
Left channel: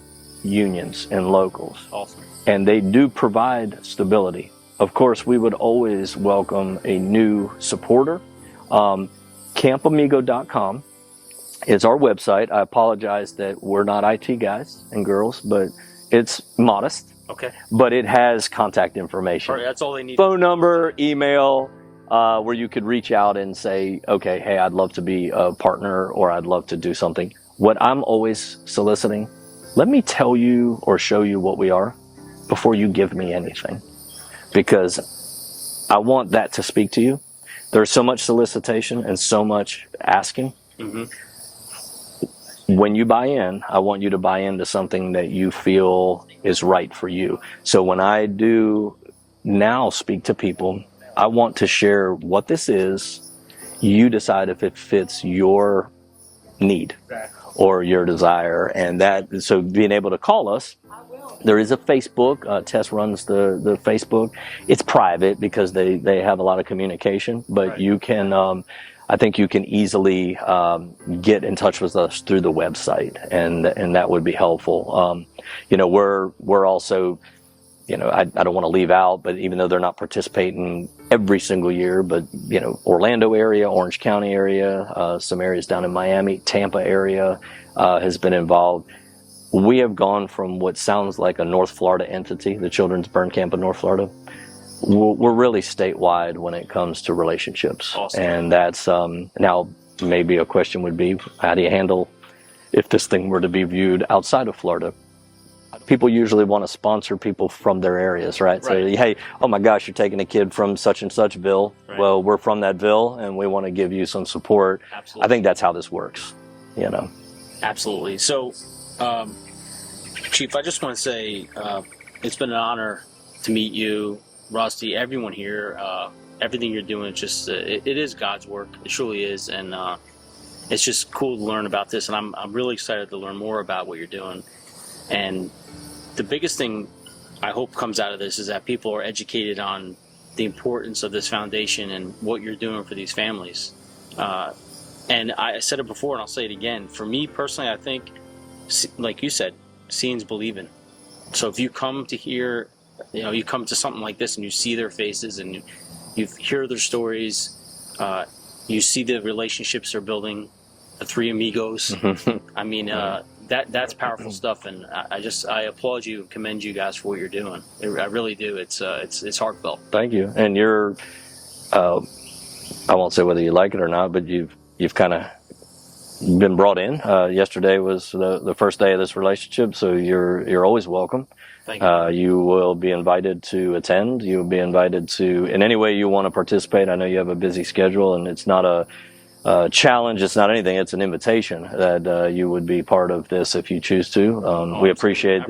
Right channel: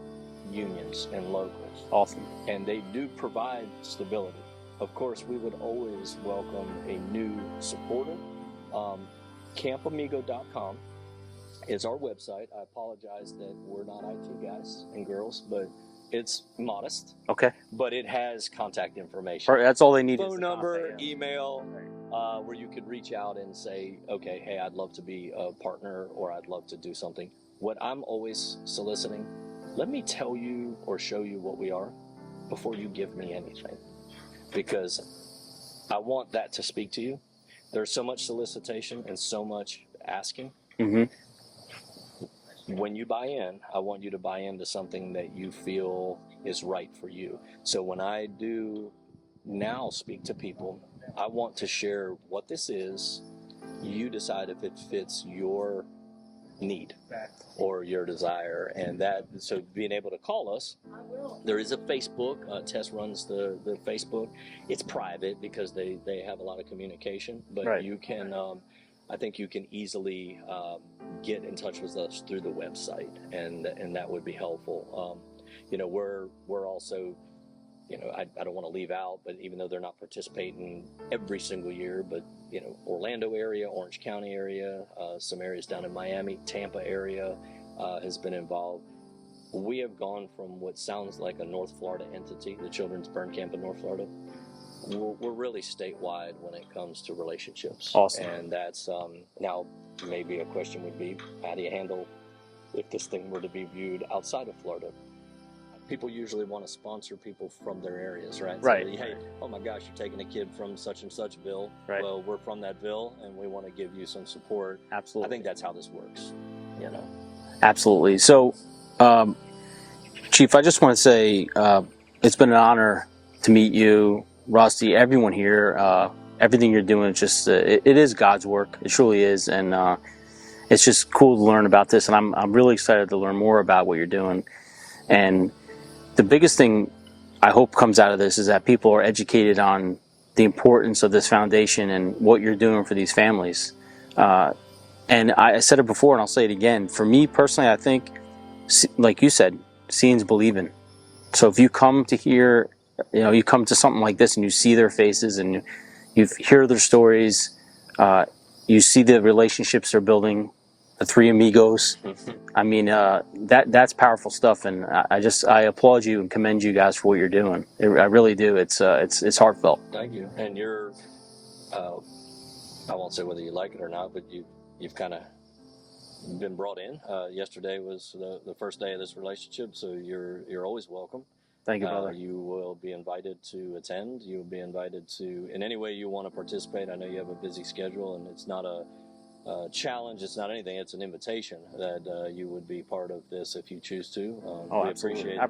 unions and locals. Awesome. And they do provide stability. Of course, we would always welcome a new supporter. CampAmigo.com is our website. I apologize that we're not IT guys and girls, but it's modest. Okay. But it has contact information. That's all they need. Phone number, email, where you could reach out and say, okay, hey, I'd love to be a partner, or I'd love to do something. What I'm always soliciting, let me tell you or show you what we are before you give me anything, because I want that to speak to you. There's so much solicitation and so much asking. Mm-hmm. When you buy in, I want you to buy into something that you feel is right for you. So when I do now speak to people, I want to share what this is. You decide if it fits your need or your desire. And so being able to call us, there is a Facebook. Tess runs the Facebook. It's private because they have a lot of communication, but right. You can, I think you can easily get in touch with us through the website, and that would be helpful. We're also, I don't want to leave out, but even though they're not participating every single year, but Orlando area, Orange County area, some areas down in Miami, Tampa area has been involved. We have gone from what sounds like a North Florida entity, the Children's Burn Camp of North Florida. We're really statewide when it comes to relationships. Awesome. And that's, now maybe a question would be, how do you handle if this thing were to be viewed outside of Florida? People usually want to sponsor people from their areas, right? So, hey, oh my gosh, you're taking a kid from such and such ville. Right. Well, we're from that ville, and we want to give you some support. Absolutely. I think that's how this works, Absolutely. So, Chief, I just want to say it's been an honor to meet you, Rusty, everyone here, everything you're doing is just it is God's work. It truly is, and it's just cool to learn about this. And I'm really excited to learn more about what you're doing. And the biggest thing I hope comes out of this is that people are educated on the importance of this foundation and what you're doing for these families. And I said it before, and I'll say it again. For me personally, I think, like you said, seeing's believing. So if you come to hear, you come to something like this and you see their faces and you hear their stories, you see the relationships they're building, the three amigos. I mean, that's powerful stuff, and I applaud you and commend you guys for what you're doing. I really do. It's heartfelt. Thank you. And you're, I won't say whether you like it or not, but you've kind of been brought in. Yesterday was the first day of this relationship, so you're always welcome. Thank you. You will be invited to attend. You'll be invited to, in any way you want to participate. I know you have a busy schedule, and it's not a challenge. It's not anything. It's an invitation that you would be part of this if you choose to. We appreciate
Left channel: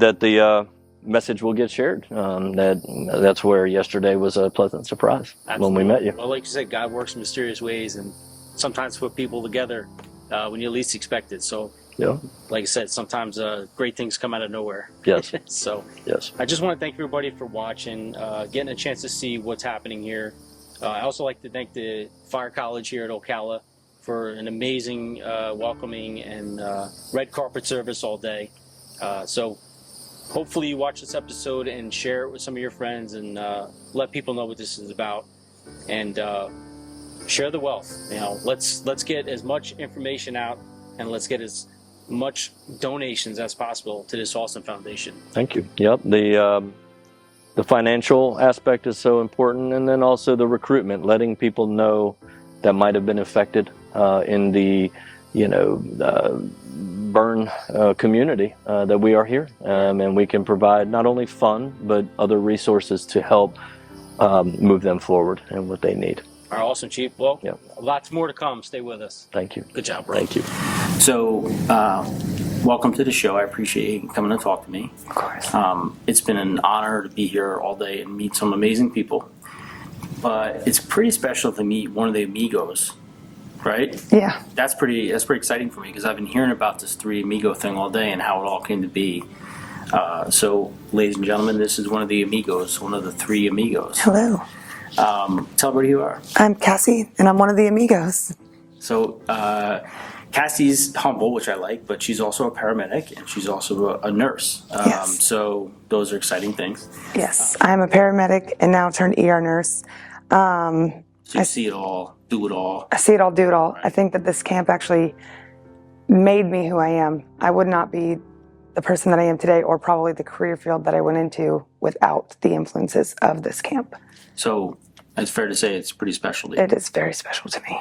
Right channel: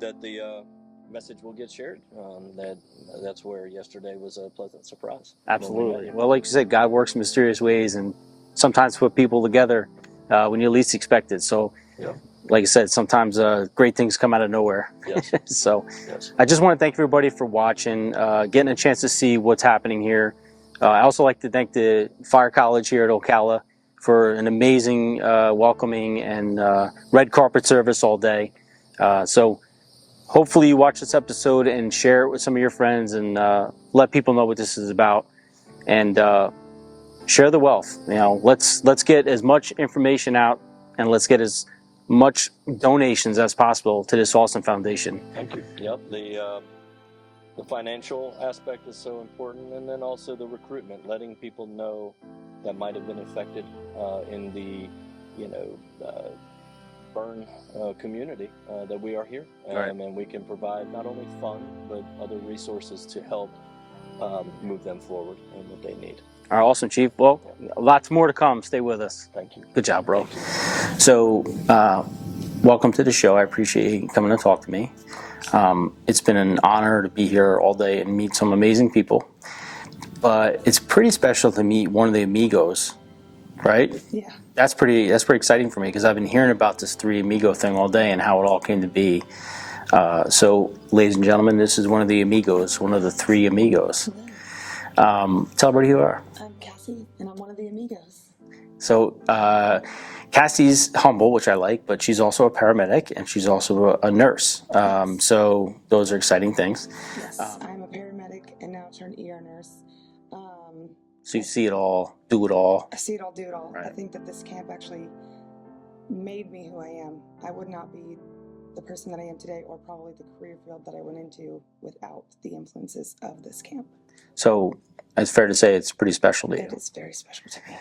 that the message will get shared. That's where yesterday was a pleasant surprise. Absolutely. When we met you. Well, like you said, God works in mysterious ways, and sometimes put people together when you least expect it. So, yeah. Like I said, sometimes great things come out of nowhere. Yes. So, yes. I just want to thank everybody for watching, getting a chance to see what's happening here. I also like to thank the Fire College here at Ocala for an amazing welcoming and red carpet service all day. So hopefully you watch this episode and share it with some of your friends and let people know what this is about. And share the wealth. Let's get as much information out, and let's get as much donations as possible to this awesome foundation. Thank you. Yep. The financial aspect is so important, and then also the recruitment, letting people know that might have been affected in the, burn community that we are here, and we can provide not only fun but other resources to help move them forward and what they need. All right, awesome, Chief. Well, lots more to come. Stay with us. Thank you. Good job, bro. Thank you. So, welcome to the show. I appreciate you coming to talk to me. Of course. It's been an honor to be here all day and meet some amazing people. But it's pretty special to meet one of the amigos, right? Yeah. That's pretty exciting for me because I've been hearing about this three amigo thing all day and how it all came to be. So, ladies and gentlemen, this is one of the amigos, one of the three amigos. Hello. Tell everybody who you are. I'm Cassie, and I'm one of the amigos. So, Cassie's humble, which I like, but she's also a paramedic and she's also a nurse. Yes. So those are exciting things. Yes, I'm a paramedic and now turned ER nurse. So you see it all, do it all. I see it all, do it all. Right. I think that this camp actually made me who I am. I would not be the person that I am today, or probably the career field that I went into, without the influences of this camp. So it's fair to say it's pretty special to you. It is very special to me.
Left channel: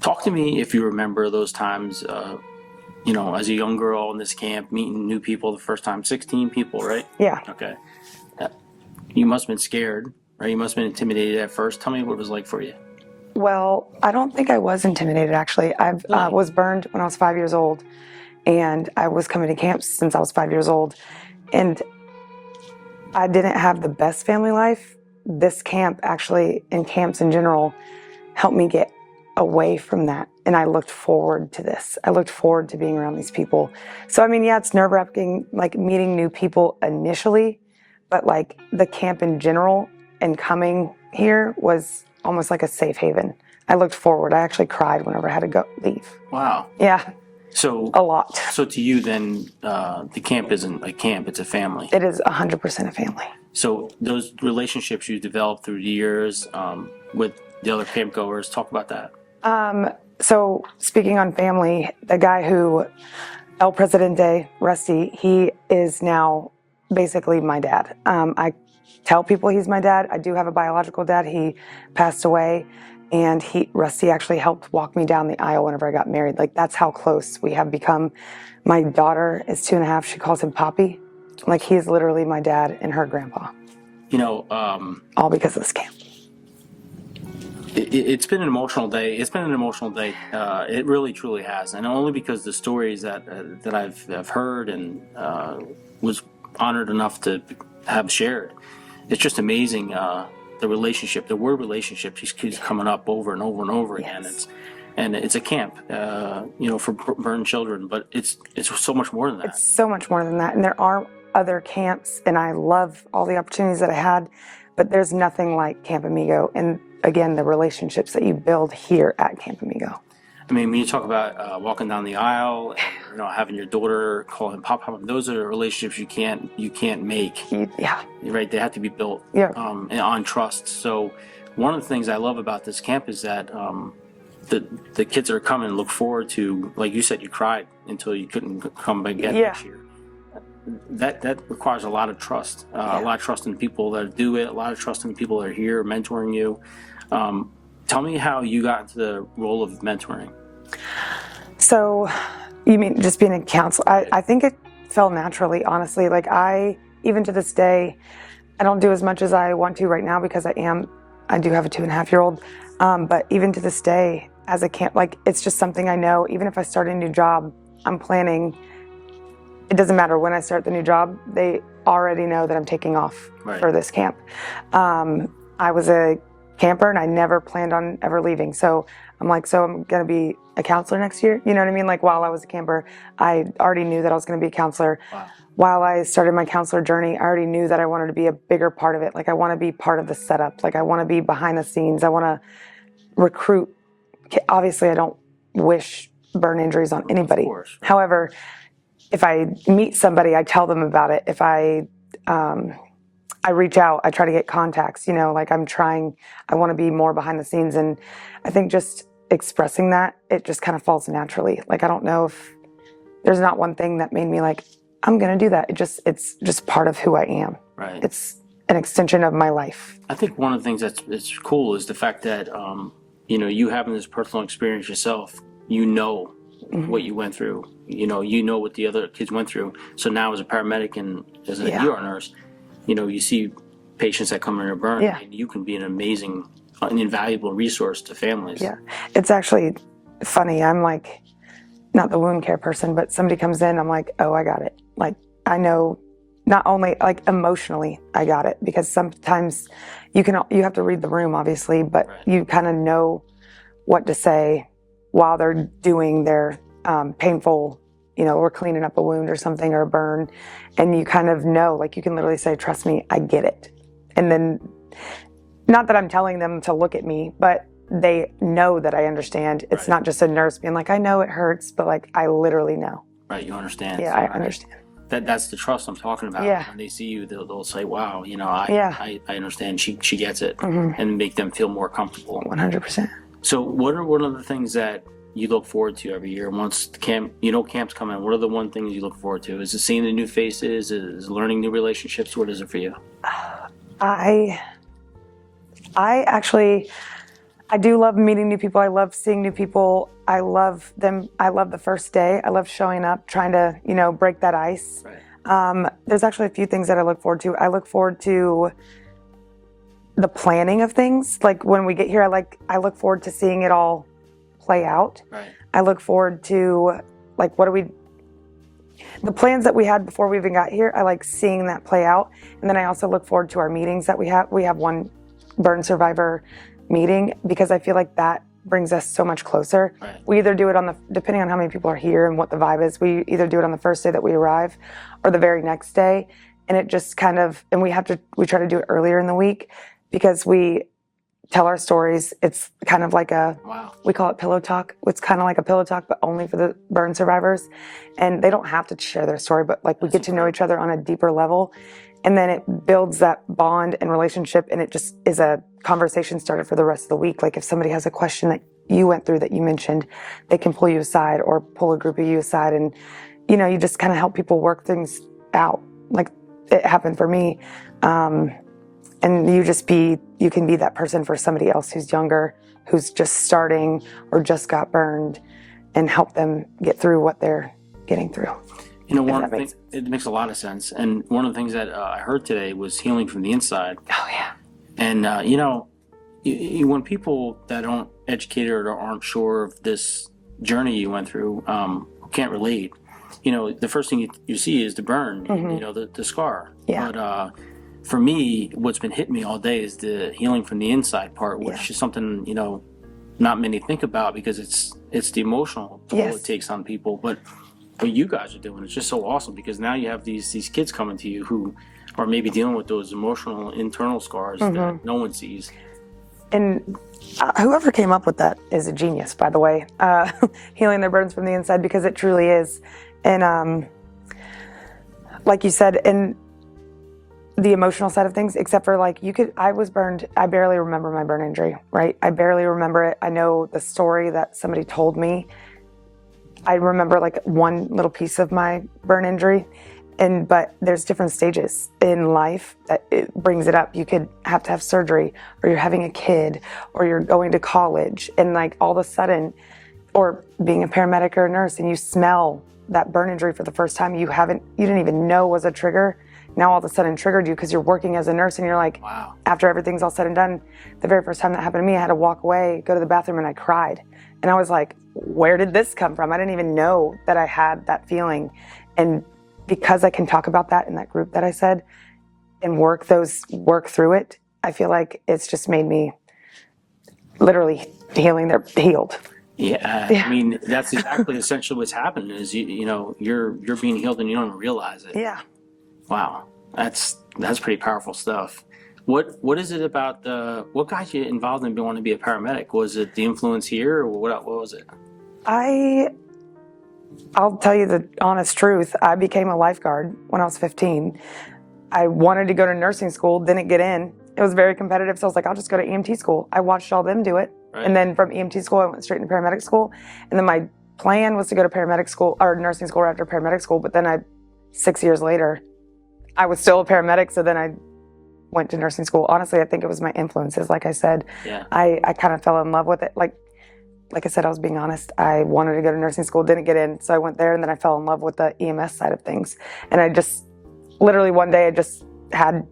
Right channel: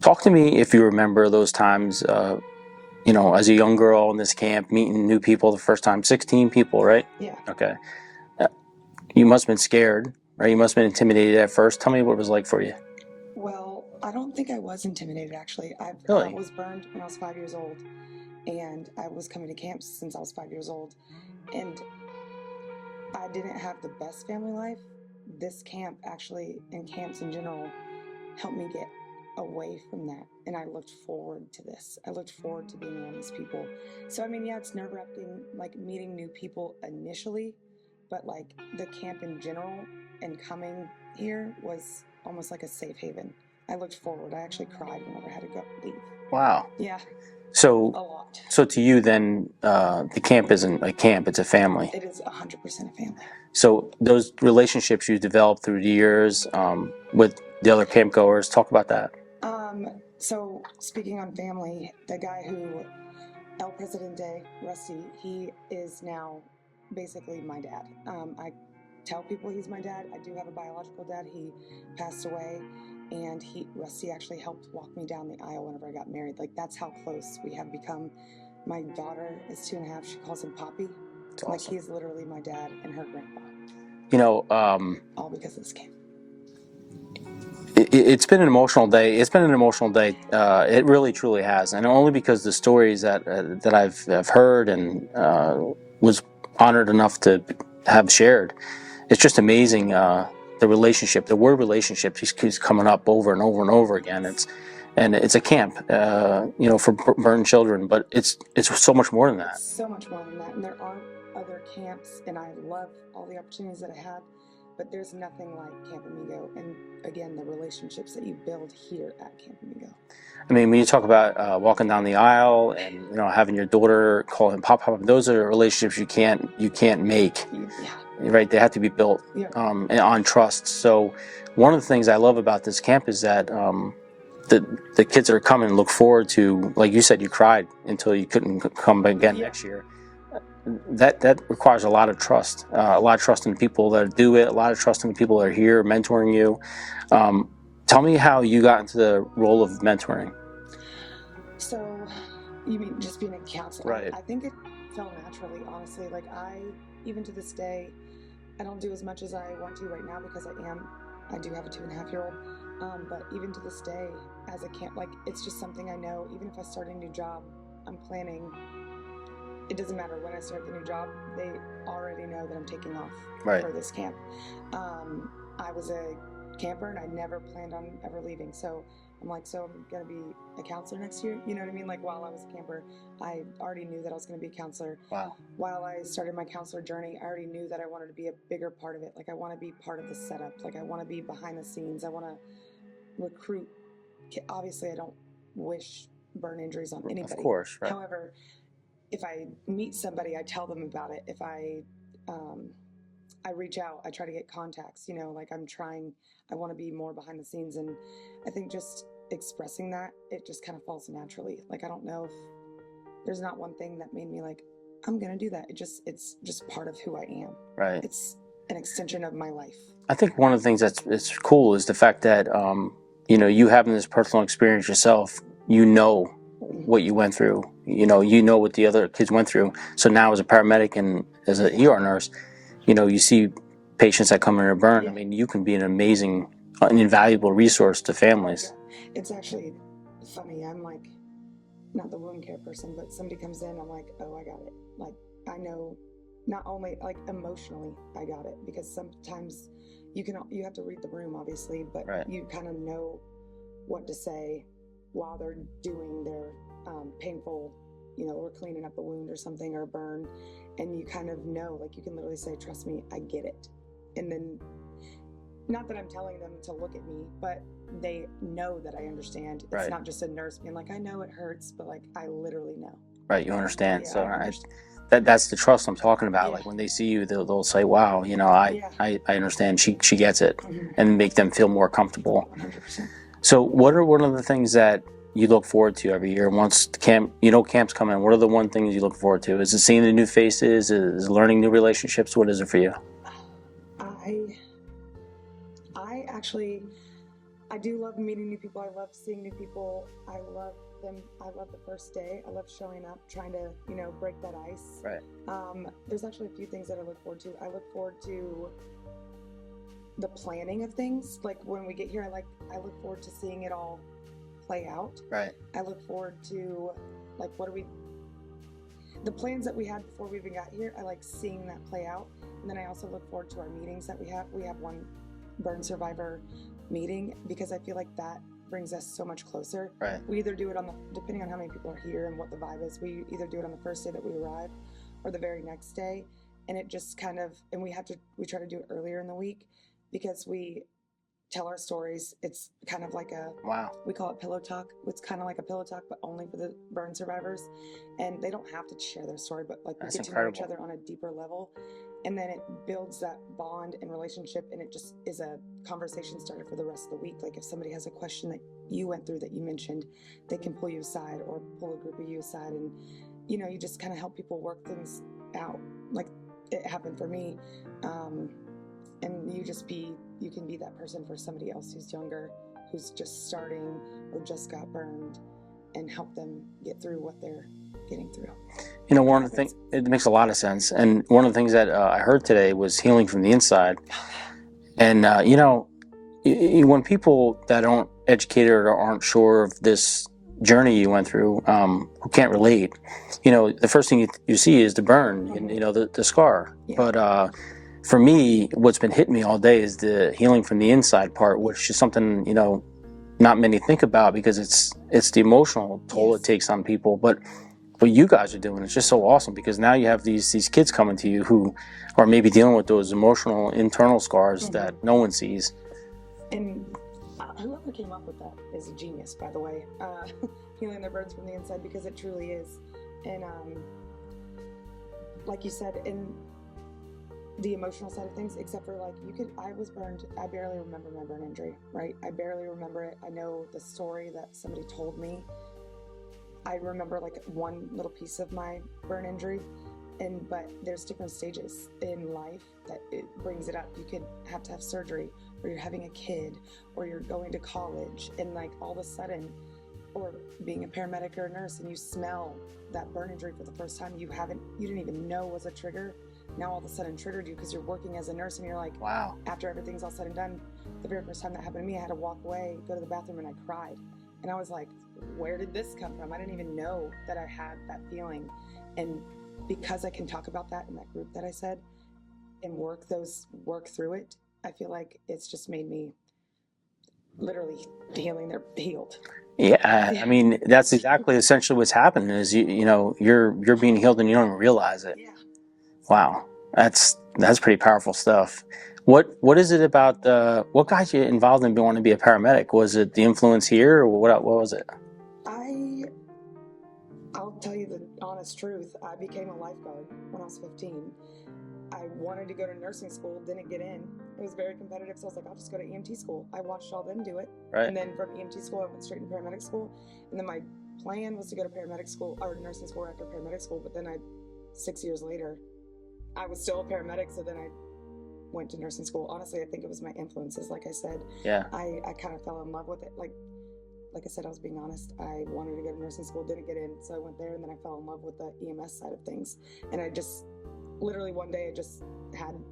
Talk to me if you remember those times, as a young girl in this camp, meeting new people the first time. 16 people, right? Yeah. Okay. You must have been scared, right? You must have been intimidated at first. Tell me what it was like for you. Well, I don't think I was intimidated, actually. I was burned when I was 5 years old, and I was coming to camps since I was 5 years old. And I didn't have the best family life. This camp, actually, and camps in general, helped me get away from that. And I looked forward to this. I looked forward to being around these people. So, it's nerve-wracking, meeting new people initially, but the camp in general and coming here was almost like a safe haven. I looked forward. I actually cried whenever I had to leave. Wow. Yeah. So a lot. So to you then, the camp isn't a camp, it's a family. It is 100% a family. So those relationships you developed through the years with the other camp goers, talk about that. So speaking on family, the guy who, El Presidente, Rusty, he is now basically my dad. I tell people he's my dad. I do have a biological dad. He passed away, and Rusty actually helped walk me down the aisle whenever I got married. That's how close we have become. My daughter is 2.5. She calls him Poppy. He is literally my dad and her grandpa. All because of this camp. It's been an emotional day. It's been an emotional day. It really, truly has, and only because the stories that I've heard and was honored enough to have shared. It's just amazing the relationship, the word relationship just keeps coming up over and over and over again. It's a camp, for burned children, but it's so much more than that. It's so much more than that. And there are other camps, and I love all the opportunities that I had, but there's nothing like Camp Amigo. And again, the relationships that you build here at Camp Amigo. I mean, when you talk about walking down the aisle and having your daughter call him Pop, those are relationships you can't make. Yeah. Right? They have to be built and on trust. So one of the things I love about this camp is that the kids that are coming look forward to, like you said, you cried until you couldn't come again next year. That requires a lot of trust, a lot of trust in the people that do it, a lot of trust in the people that are here mentoring you. Tell me how you got into the role of mentoring. So, you mean just being a counselor? Right. I think it fell naturally, honestly. Like even to this day, I don't do as much as I want to right now because I do have a 2.5-year-old. But even to this day, as a camp, like it's just something I know. Even if I start a new job, I'm planning. It doesn't matter when I start the new job. They already know that I'm taking off for this camp. I was a camper and I never planned on ever leaving. So I'm like, so I'm going to be a counselor next year. You know what I mean? Like while I was a camper, I already knew that I was going to be a counselor. Wow. While I started my counselor journey, I already knew that I wanted to be a bigger part of it. Like I want to be part of the setup. Like I want to be behind the scenes. I want to recruit. Obviously, I don't wish burn injuries on anybody. Of course, right. However, if I meet somebody, I tell them about it. If I reach out, I try to get contacts, like I want to be more behind the scenes. And I think just expressing that, it just kind of falls naturally. Like, I don't know if there's not one thing that made me like, I'm going to do that. It's just part of who I am. Right. It's an extension of my life. I think one of the things that's cool is the fact that, you having this personal experience yourself, what you went through, what the other kids went through. So now as a paramedic and as an ER nurse, you see patients that come in and burn, and you can be an amazing, an invaluable resource to families. Yeah, it's actually funny. I'm like, not the wound care person, but somebody comes in, I'm like, oh, I got it. Like, I know not only like emotionally I got it, because sometimes you have to read the room, obviously, but you kind of know what to say while they're doing their painful, or cleaning up a wound or something or a burn. And you kind of know, like you can literally say, trust me, I get it. And then, not that I'm telling them to look at me, but they know that I understand. It's not just a nurse being like, I know it hurts, but like, I literally know. Right, you understand. Yeah, so, I understand. That's the trust I'm talking about. Yeah. Like when they see you, they'll say, wow, I understand. She gets it. And make them feel more comfortable. 100%. So what are one of the things that you look forward to every year? Once the camp's coming, what are the one things you look forward to? Is it seeing the new faces? Is it learning new relationships? What is it for you? I do love meeting new people. I love seeing new people. I love them. I love the first day. I love showing up, trying to, break that ice. Right. There's actually a few things that I look forward to. I look forward to the planning of things. Like when we get here, I look forward to seeing it all play out. Right. I look forward to the plans that we had before we even got here. I like seeing that play out. And then I also look forward to our meetings that we have. We have one burn survivor meeting because I feel like that brings us so much closer. Right. We either do it depending on how many people are here and what the vibe is, we either do it on the first day that we arrive or the very next day. And it just and we try to do it earlier in the week because we tell our stories. It's kind of like we call it pillow talk. It's kind of like a pillow talk, but only for the burn survivors. And they don't have to share their story, but we get to know each other on a deeper level. And then it builds that bond and relationship, and it just is a conversation starter for the rest of the week. Like if somebody has a question that you went through that you mentioned, they can pull you aside or pull a group of you aside, and you just kind of help people work things out. Like it happened for me, and you can be that person for somebody else who's younger, who's just starting or just got burned, and help them get through what they're getting through. One thing, it makes a lot of sense. And one of the things that I heard today was healing from the inside. Oh, yeah. And, when people that aren't educated or aren't sure of this journey you went through, who can't relate, the first thing you see is the burn, the scar. Yeah. But for me, what's been hitting me all day is the healing from the inside part, which is something, not many think about because it's the emotional toll it takes on people. But what you guys are doing is just so awesome because now you have these kids coming to you who are maybe dealing with those emotional internal scars that no one sees. And whoever came up with that is a genius, by the way, healing their burdens from the inside, because it truly is. And like you said, in the emotional side of things, except for I was burned. I barely remember my burn injury, right? I barely remember it. I know the story that somebody told me. I remember one little piece of my burn injury, but there's different stages in life that it brings it up. You could have to have surgery, or you're having a kid, or you're going to college, and all of a sudden, or being a paramedic or a nurse, and you smell that burn injury for the first time you didn't even know was a trigger. Now all of a sudden triggered you because you're working as a nurse and you're like, wow. After everything's all said and done, the very first time that happened to me, I had to walk away, go to the bathroom, and I cried. And I was like, where did this come from? I didn't even know that I had that feeling. And because I can talk about that in that group that I said and work through it, I feel like it's just made me literally healed. Yeah, I mean, that's exactly essentially what's happening is you're being healed and you don't even realize it. Yeah. Wow, that's pretty powerful stuff. What is it about what got you involved in wanting to be a paramedic? Was it the influence here, or what was it? I'll tell you the honest truth. I became a lifeguard when I was 15. I wanted to go to nursing school, didn't get in. It was very competitive, so I was like, I'll just go to EMT school. I watched all them do it. Right. And then from EMT school, I went straight into paramedic school. And then my plan was to go to paramedic school or nursing school right after paramedic school. But then 6 years later, I was still a paramedic. So then I went to nursing school. Honestly, I think it was my influences. Like I said, I kind of fell in love with it. Like I said, I was being honest. I wanted to go to nursing school, didn't get in. So I went there, and then I fell in love with the EMS side of things. And I just, literally one day, I just had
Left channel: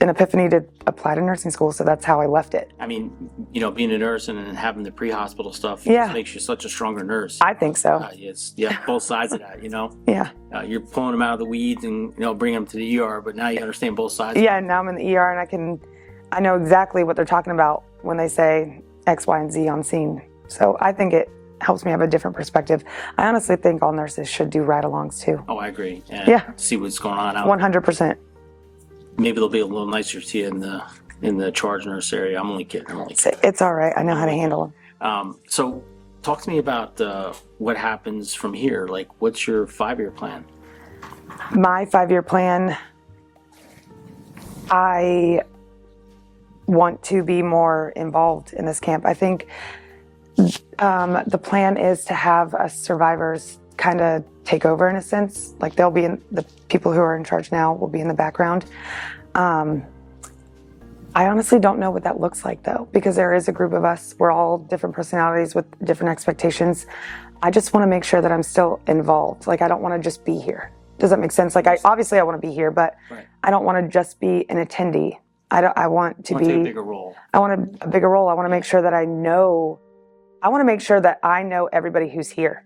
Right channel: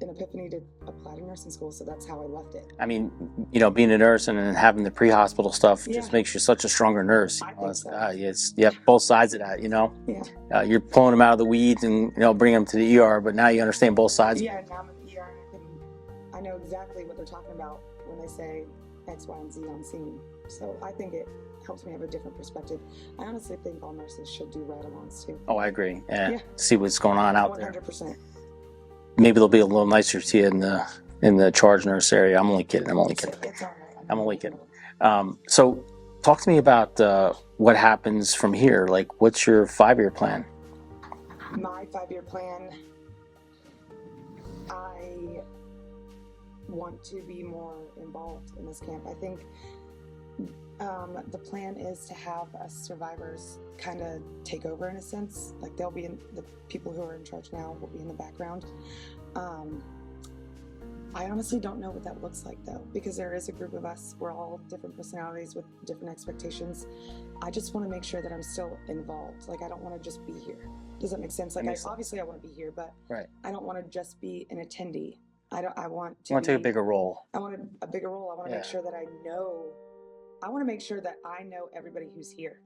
an epiphany to apply to nursing school. So that's how I left it. I mean, being a nurse and then having the pre-hospital stuff just makes you such a stronger nurse. I think so. Both sides of that, Yeah. You're pulling them out of the weeds and, bringing them to the ER, but now you understand both sides. Yeah, now I'm in the ER and I know exactly what they're talking about when they say X, Y, and Z on scene. So I think it helps me have a different perspective. I honestly think all nurses should do ride-alongs too. Oh, I agree. And see what's going on out 100%. there. Maybe they'll be a little nicer to you in the charge nurse area. I'm only kidding. It's all right. I know how to handle them. So talk to me about what happens from here. What's your 5-year plan? My 5-year plan, I want to be more involved in this camp. I think the plan is to have us survivors kind of take over in a sense. They'll be the people who are in charge now will be in the background. I honestly don't know what that looks like though, because there is a group of us. We're all different personalities with different expectations. I just want to make sure that I'm still involved. I don't want to just be here. Does that make sense? Obviously I want to be here, but I don't want to just be an attendee. I want to take a bigger role. I want a bigger role. I want to make sure that I know everybody who's here.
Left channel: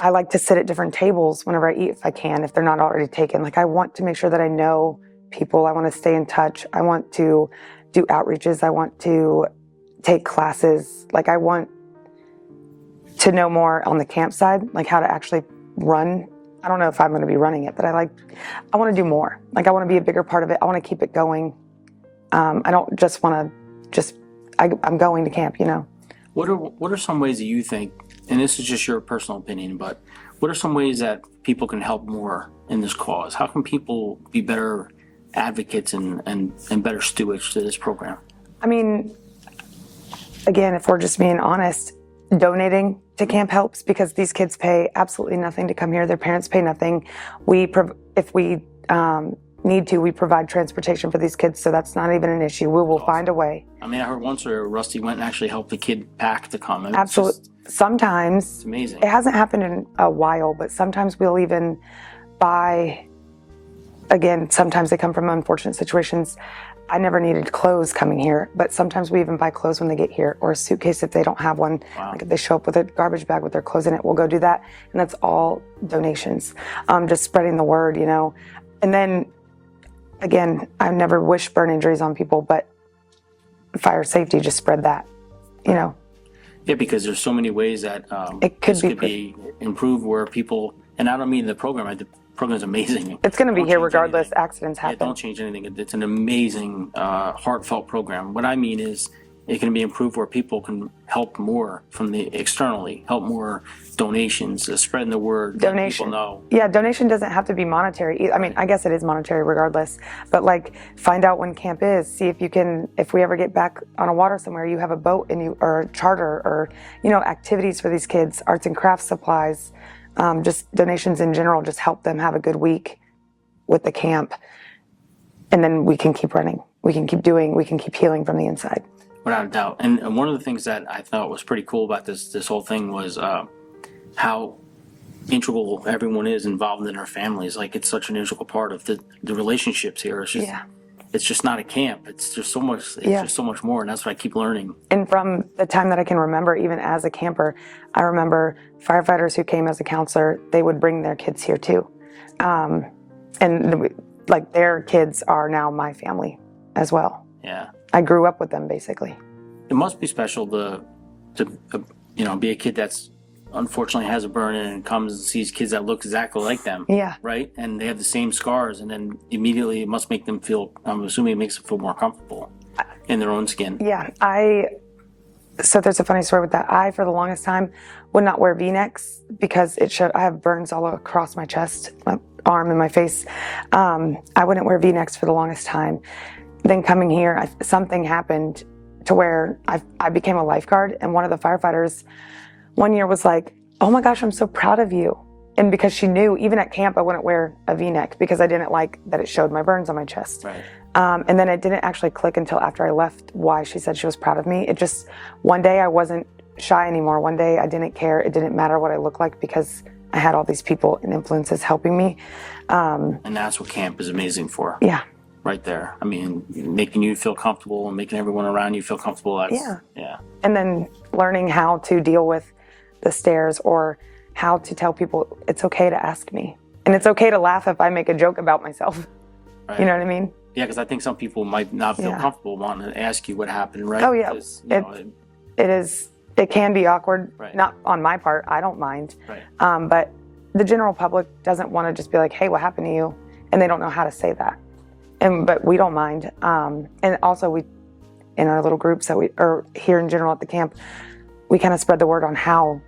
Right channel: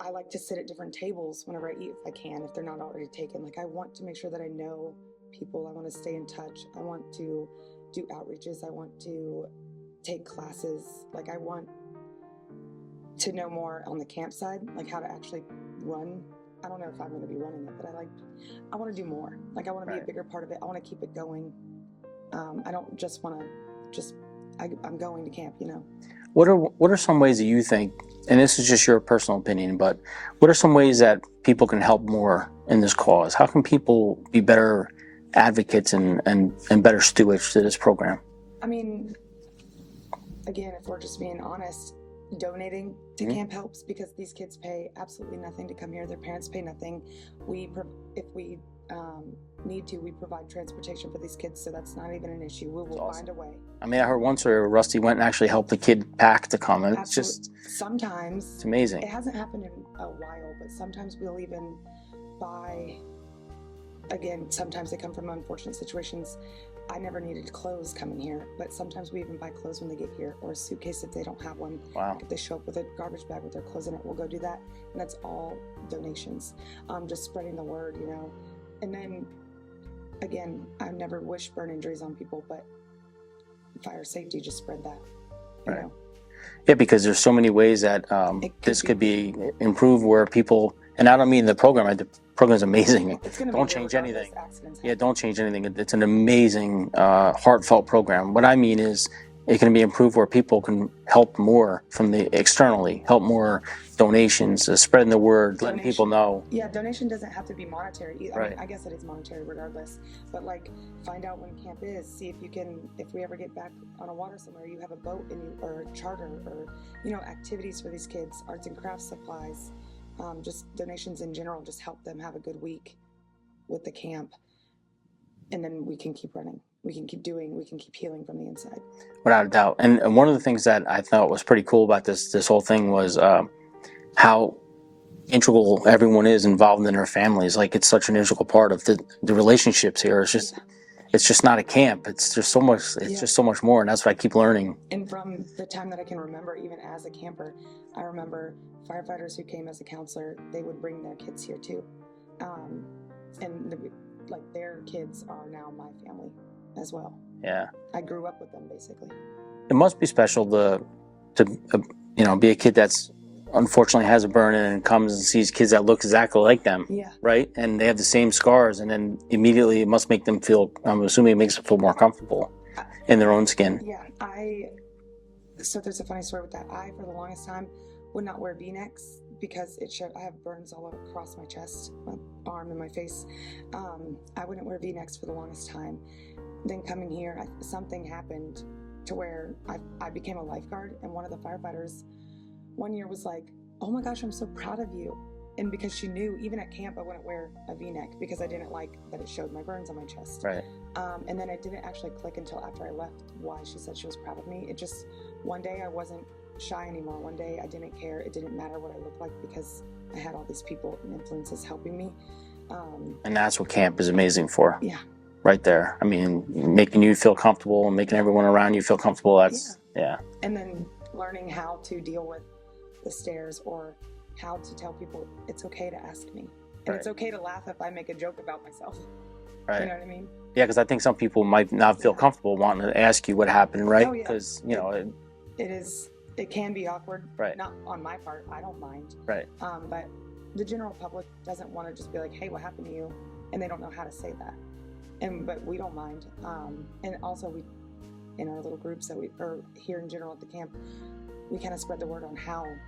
I like to sit at different tables whenever I eat if I can, if they're not already taken. I want to make sure that I know people. I want to stay in touch. I want to do outreaches. I want to take classes. I want to know more on the camp side, how to actually run. I don't know if I'm going to be running it, but I want to do more. I want to be a bigger part of it. I want to keep it going. I don't just want to I'm going to camp, What are some ways that you think, and this is just your personal opinion, but what are some ways that people can help more in this cause? How can people be better advocates and better stewards to this program? I mean, again, if we're just being honest, donating to camp helps because these kids pay absolutely nothing to come here. Their parents pay nothing. If we need to, we provide transportation for these kids, so that's not even an issue. We will find a way. I mean, I heard once where Rusty went and actually helped the kid pack to come. And absolutely. Sometimes. It's amazing. It hasn't happened in a while, but sometimes we'll even buy, again, sometimes they come from unfortunate situations. I never needed clothes coming here, but sometimes we even buy clothes when they get here, or a suitcase if they don't have one. Wow. If they show up with a garbage bag with their clothes in it, we'll go do that. And that's all donations. Just spreading the word, And then, again, I never wish burn injuries on people, but fire safety just spread that, you know. Yeah, because there's so many ways that this could be improved where people, and I don't mean the program, the program's amazing. It's going to be here regardless, accidents happen. Yeah, don't change anything. It's an amazing, heartfelt program. What I mean is it can be improved where people can help more from the externally, help more donations, spreading the word, letting people know. Yeah, donation doesn't have to be monetary. I mean, I guess it is monetary regardless, but like find out when camp is, see if you can, if we ever get back on a water somewhere, you have a boat and you, or a charter or, you know, activities for these kids, arts and crafts supplies, just donations in general, just help them have a good week with the camp. And then we can keep running. We can keep doing, we can keep healing from the inside. Without a doubt. And one of the things that I thought was pretty cool about this whole thing was how integral everyone is involved in their families. Like it's such an integral part of the relationships here. It's just it's just not a camp. It's just so much. It's just so much more, and that's what I keep learning. And from the time that I can remember, even as a camper, I remember firefighters who came as a counselor. They would bring their kids here too, and like their kids are now my family as well. Yeah. I grew up with them, basically. It must be special to you know, be a kid that's unfortunately has a burn and comes and sees kids that look exactly like them. Yeah. Right? And they have the same scars, and then immediately it must make them feel, I'm assuming it makes them feel more comfortable in their own skin. Yeah. So there's a funny story with that. I, for the longest time, would not wear V-necks because it showed, I have burns all across my chest, my arm, and my face. I wouldn't wear V-necks for the longest time. Then coming here, something happened to where I became a lifeguard, and one of the firefighters one year was like, "Oh my gosh, I'm so proud of you." And because she knew, even at camp, I wouldn't wear a V-neck because I didn't like that it showed my burns on my chest. Right. And then it didn't actually click until after I left why she said she was proud of me. It just, one day I wasn't shy anymore. One day I didn't care. It didn't matter what I looked like because I had all these people and influences helping me. And that's what camp is amazing for. Yeah. Right there. I mean, making you feel comfortable and making everyone around you feel comfortable. That's, yeah. And then learning how to deal with the stares or how to tell people it's okay to ask me. And it's okay to laugh if I make a joke about myself. Right. You know what I mean? Yeah, because I think some people might not feel comfortable wanting to ask you what happened, right? Oh, yeah. Because, you know, it can be awkward. Right. Not on my part. I don't mind. Right. But the general public doesn't want to just be like, "Hey, what happened to you?" And they don't know how to say that. But we don't mind. And also we, in our little groups that or here in general at the camp, we kind of spread the word on how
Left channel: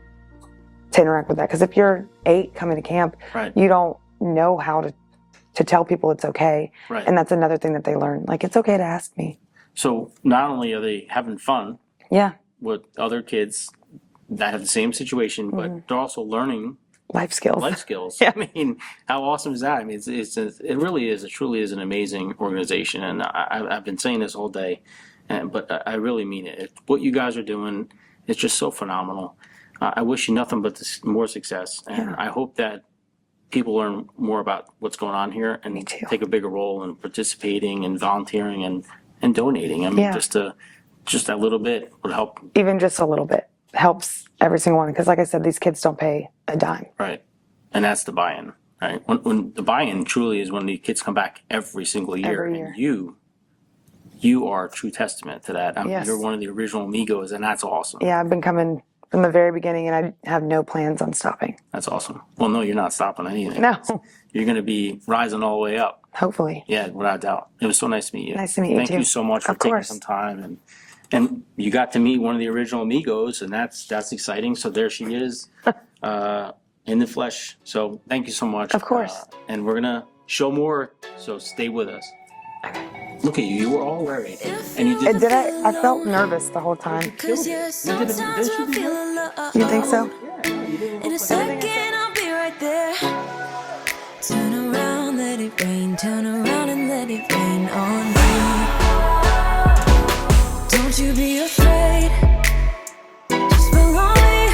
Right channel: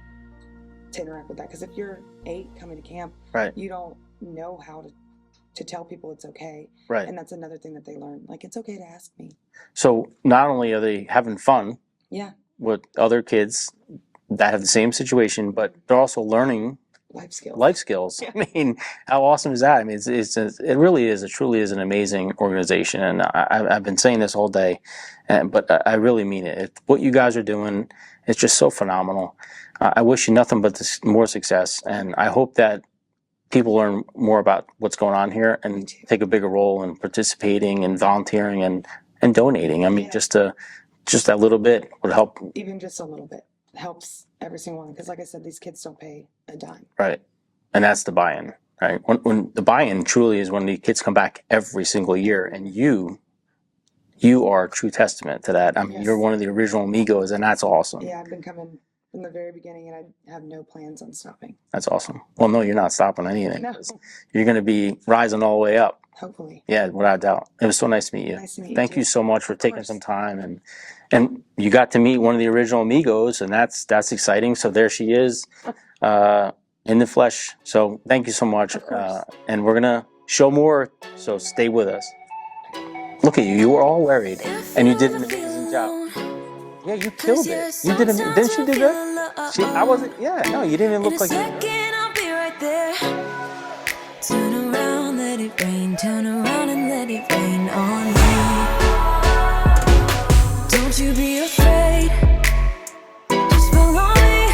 to interact with that. Because if you're 8 coming to camp, you don't know how to tell people it's okay. Right. And that's another thing that they learn. Like, it's okay to ask me. So not only are they having fun with other kids that have the same situation, but they're also learning life skills. Life skills. Yeah. I mean, how awesome is that? I mean, it really is. It truly is an amazing organization, and I've been saying this all day, but I really mean it. What you guys are doing is just so phenomenal. I wish you nothing but more success, and I hope that people learn more about what's going on here and take a bigger role in participating and volunteering and donating. I mean, just that little bit would help. Even just a little bit helps every single one, because like I said, these kids don't pay a dime. Right. And that's the buy-in, right? When the buy-in truly is when the kids come back every single year. And you are a true testament to that. I mean, you're one of the original amigos, and that's awesome. Yeah, I've been coming from the very beginning, and I have no plans on stopping. That's awesome. Well, no, you're not stopping anything. No. You're going to be rising all the way up. Hopefully. Yeah, without a doubt. It was so nice to meet you. Nice to meet you, Thank you so much for taking some time. And you got to meet one of the original amigos, and that's exciting. So there she is in the flesh. So thank you so much. Of course. And we're going to show more, so stay with us. Look at you. You were all worried. And you did. I felt nervous the whole time. You killed it. You didn't you do that? You think so? Yeah, no, you didn't look like anything. I'll be right there. Turn around, let it rain. Turn around and let it rain on me. Don't you be afraid. Just follow me.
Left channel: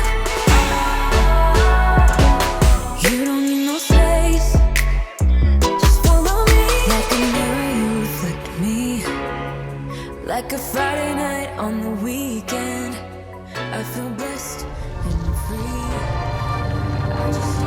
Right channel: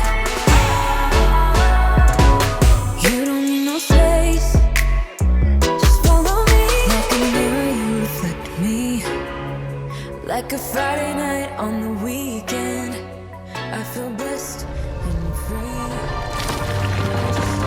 You don't need no space. Just follow me. Like a mirror, you reflect me. Like a Friday night on the weekend. I feel blessed and free. I just